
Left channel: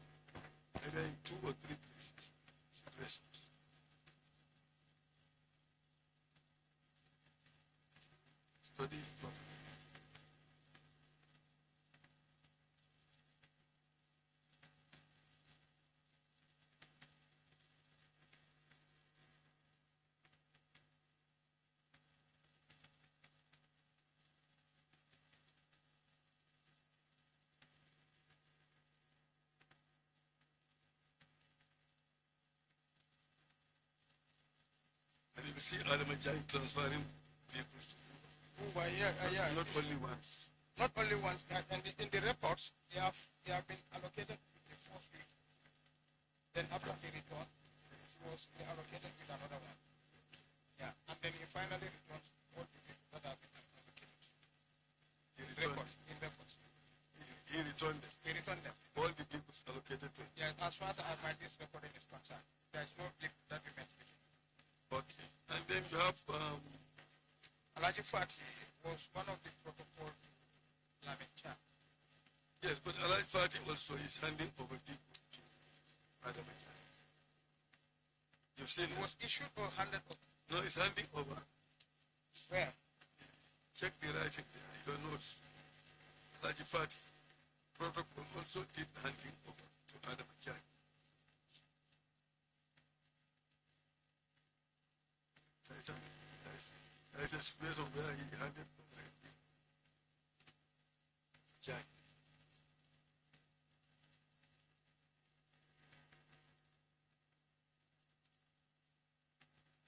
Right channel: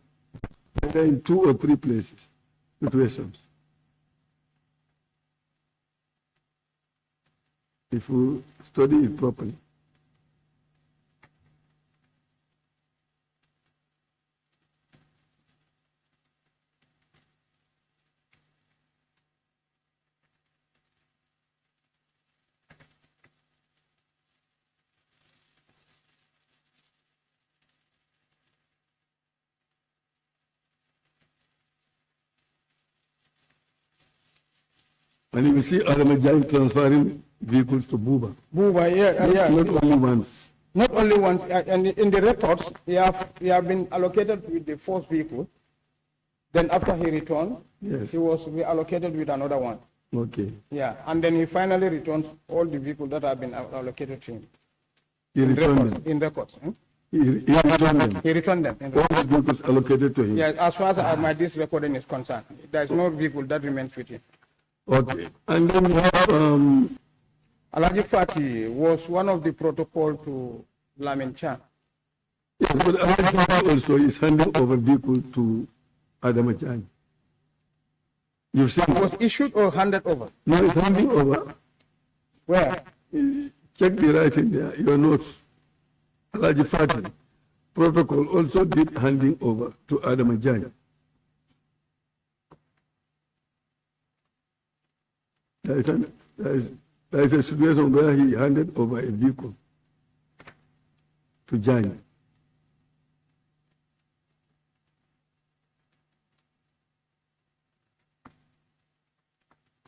either in 2 or 3 places, situations. If you study it properly. And you will see Aramajang transferring vehicles to Buba. Buba, yeah. Not only once. Not only once, and in the records, he have been allocated with the first vehicle. Then after he returned, Yes. he was reallocated with another one. Okay. Yeah, and then he finally returns all the vehicles that have been allocated to him. He returned them. In records. He returned them. He returned them. All the vehicles allocated to him. Yeah, as far as this recording is concerned, there is no vehicle that remains with him. Okay. And then you have Alaji Fati was one of the protocol to Lamin Chan. yes, but Alhaji also is handing over vehicle to Adamajani. You've seen It was issued or handed over? No, it's handing over. Where? Check the writing there, your notes. Alhaji Fati protocol also did handing over to Adamajani. There is a situation where he handed over a vehicle to Jani.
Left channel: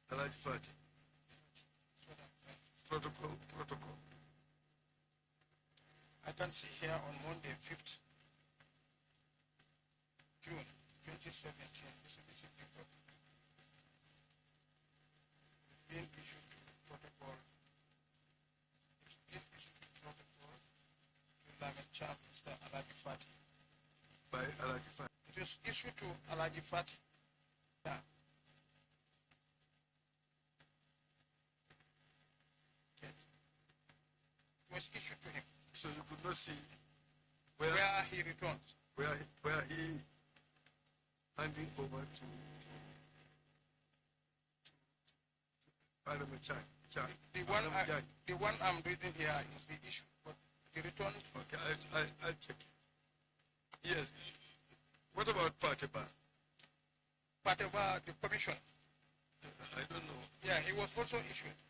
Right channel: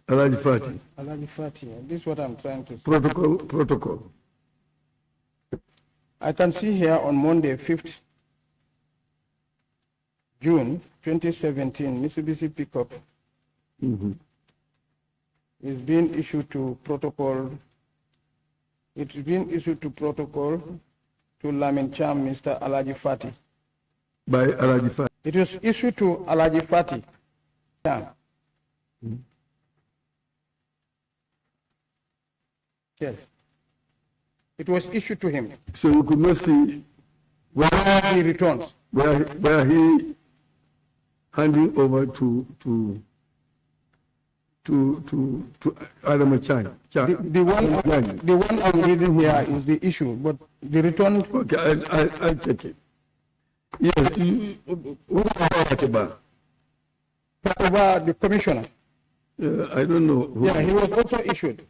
Alaji Fati. Alaji Fati, this is what I'm trying to say. Protocol. I can see here on Monday, 5th June 2017, Mitsubishi pickup is being issued to protocol. It's being issued to protocol to Lamin Cham, Mr. Alaji Fati. By Alaji Fati. It was issued to Alaji Fati. Cham. Yes. It was issued to him. So you could not see Where he returns. where he handing over to Adam Chan. The one I'm reading here is the issue, but the return. Okay, I'll check it. Yes, what about Atiba? Over the commissioner. I don't know. Yeah, he was also issued.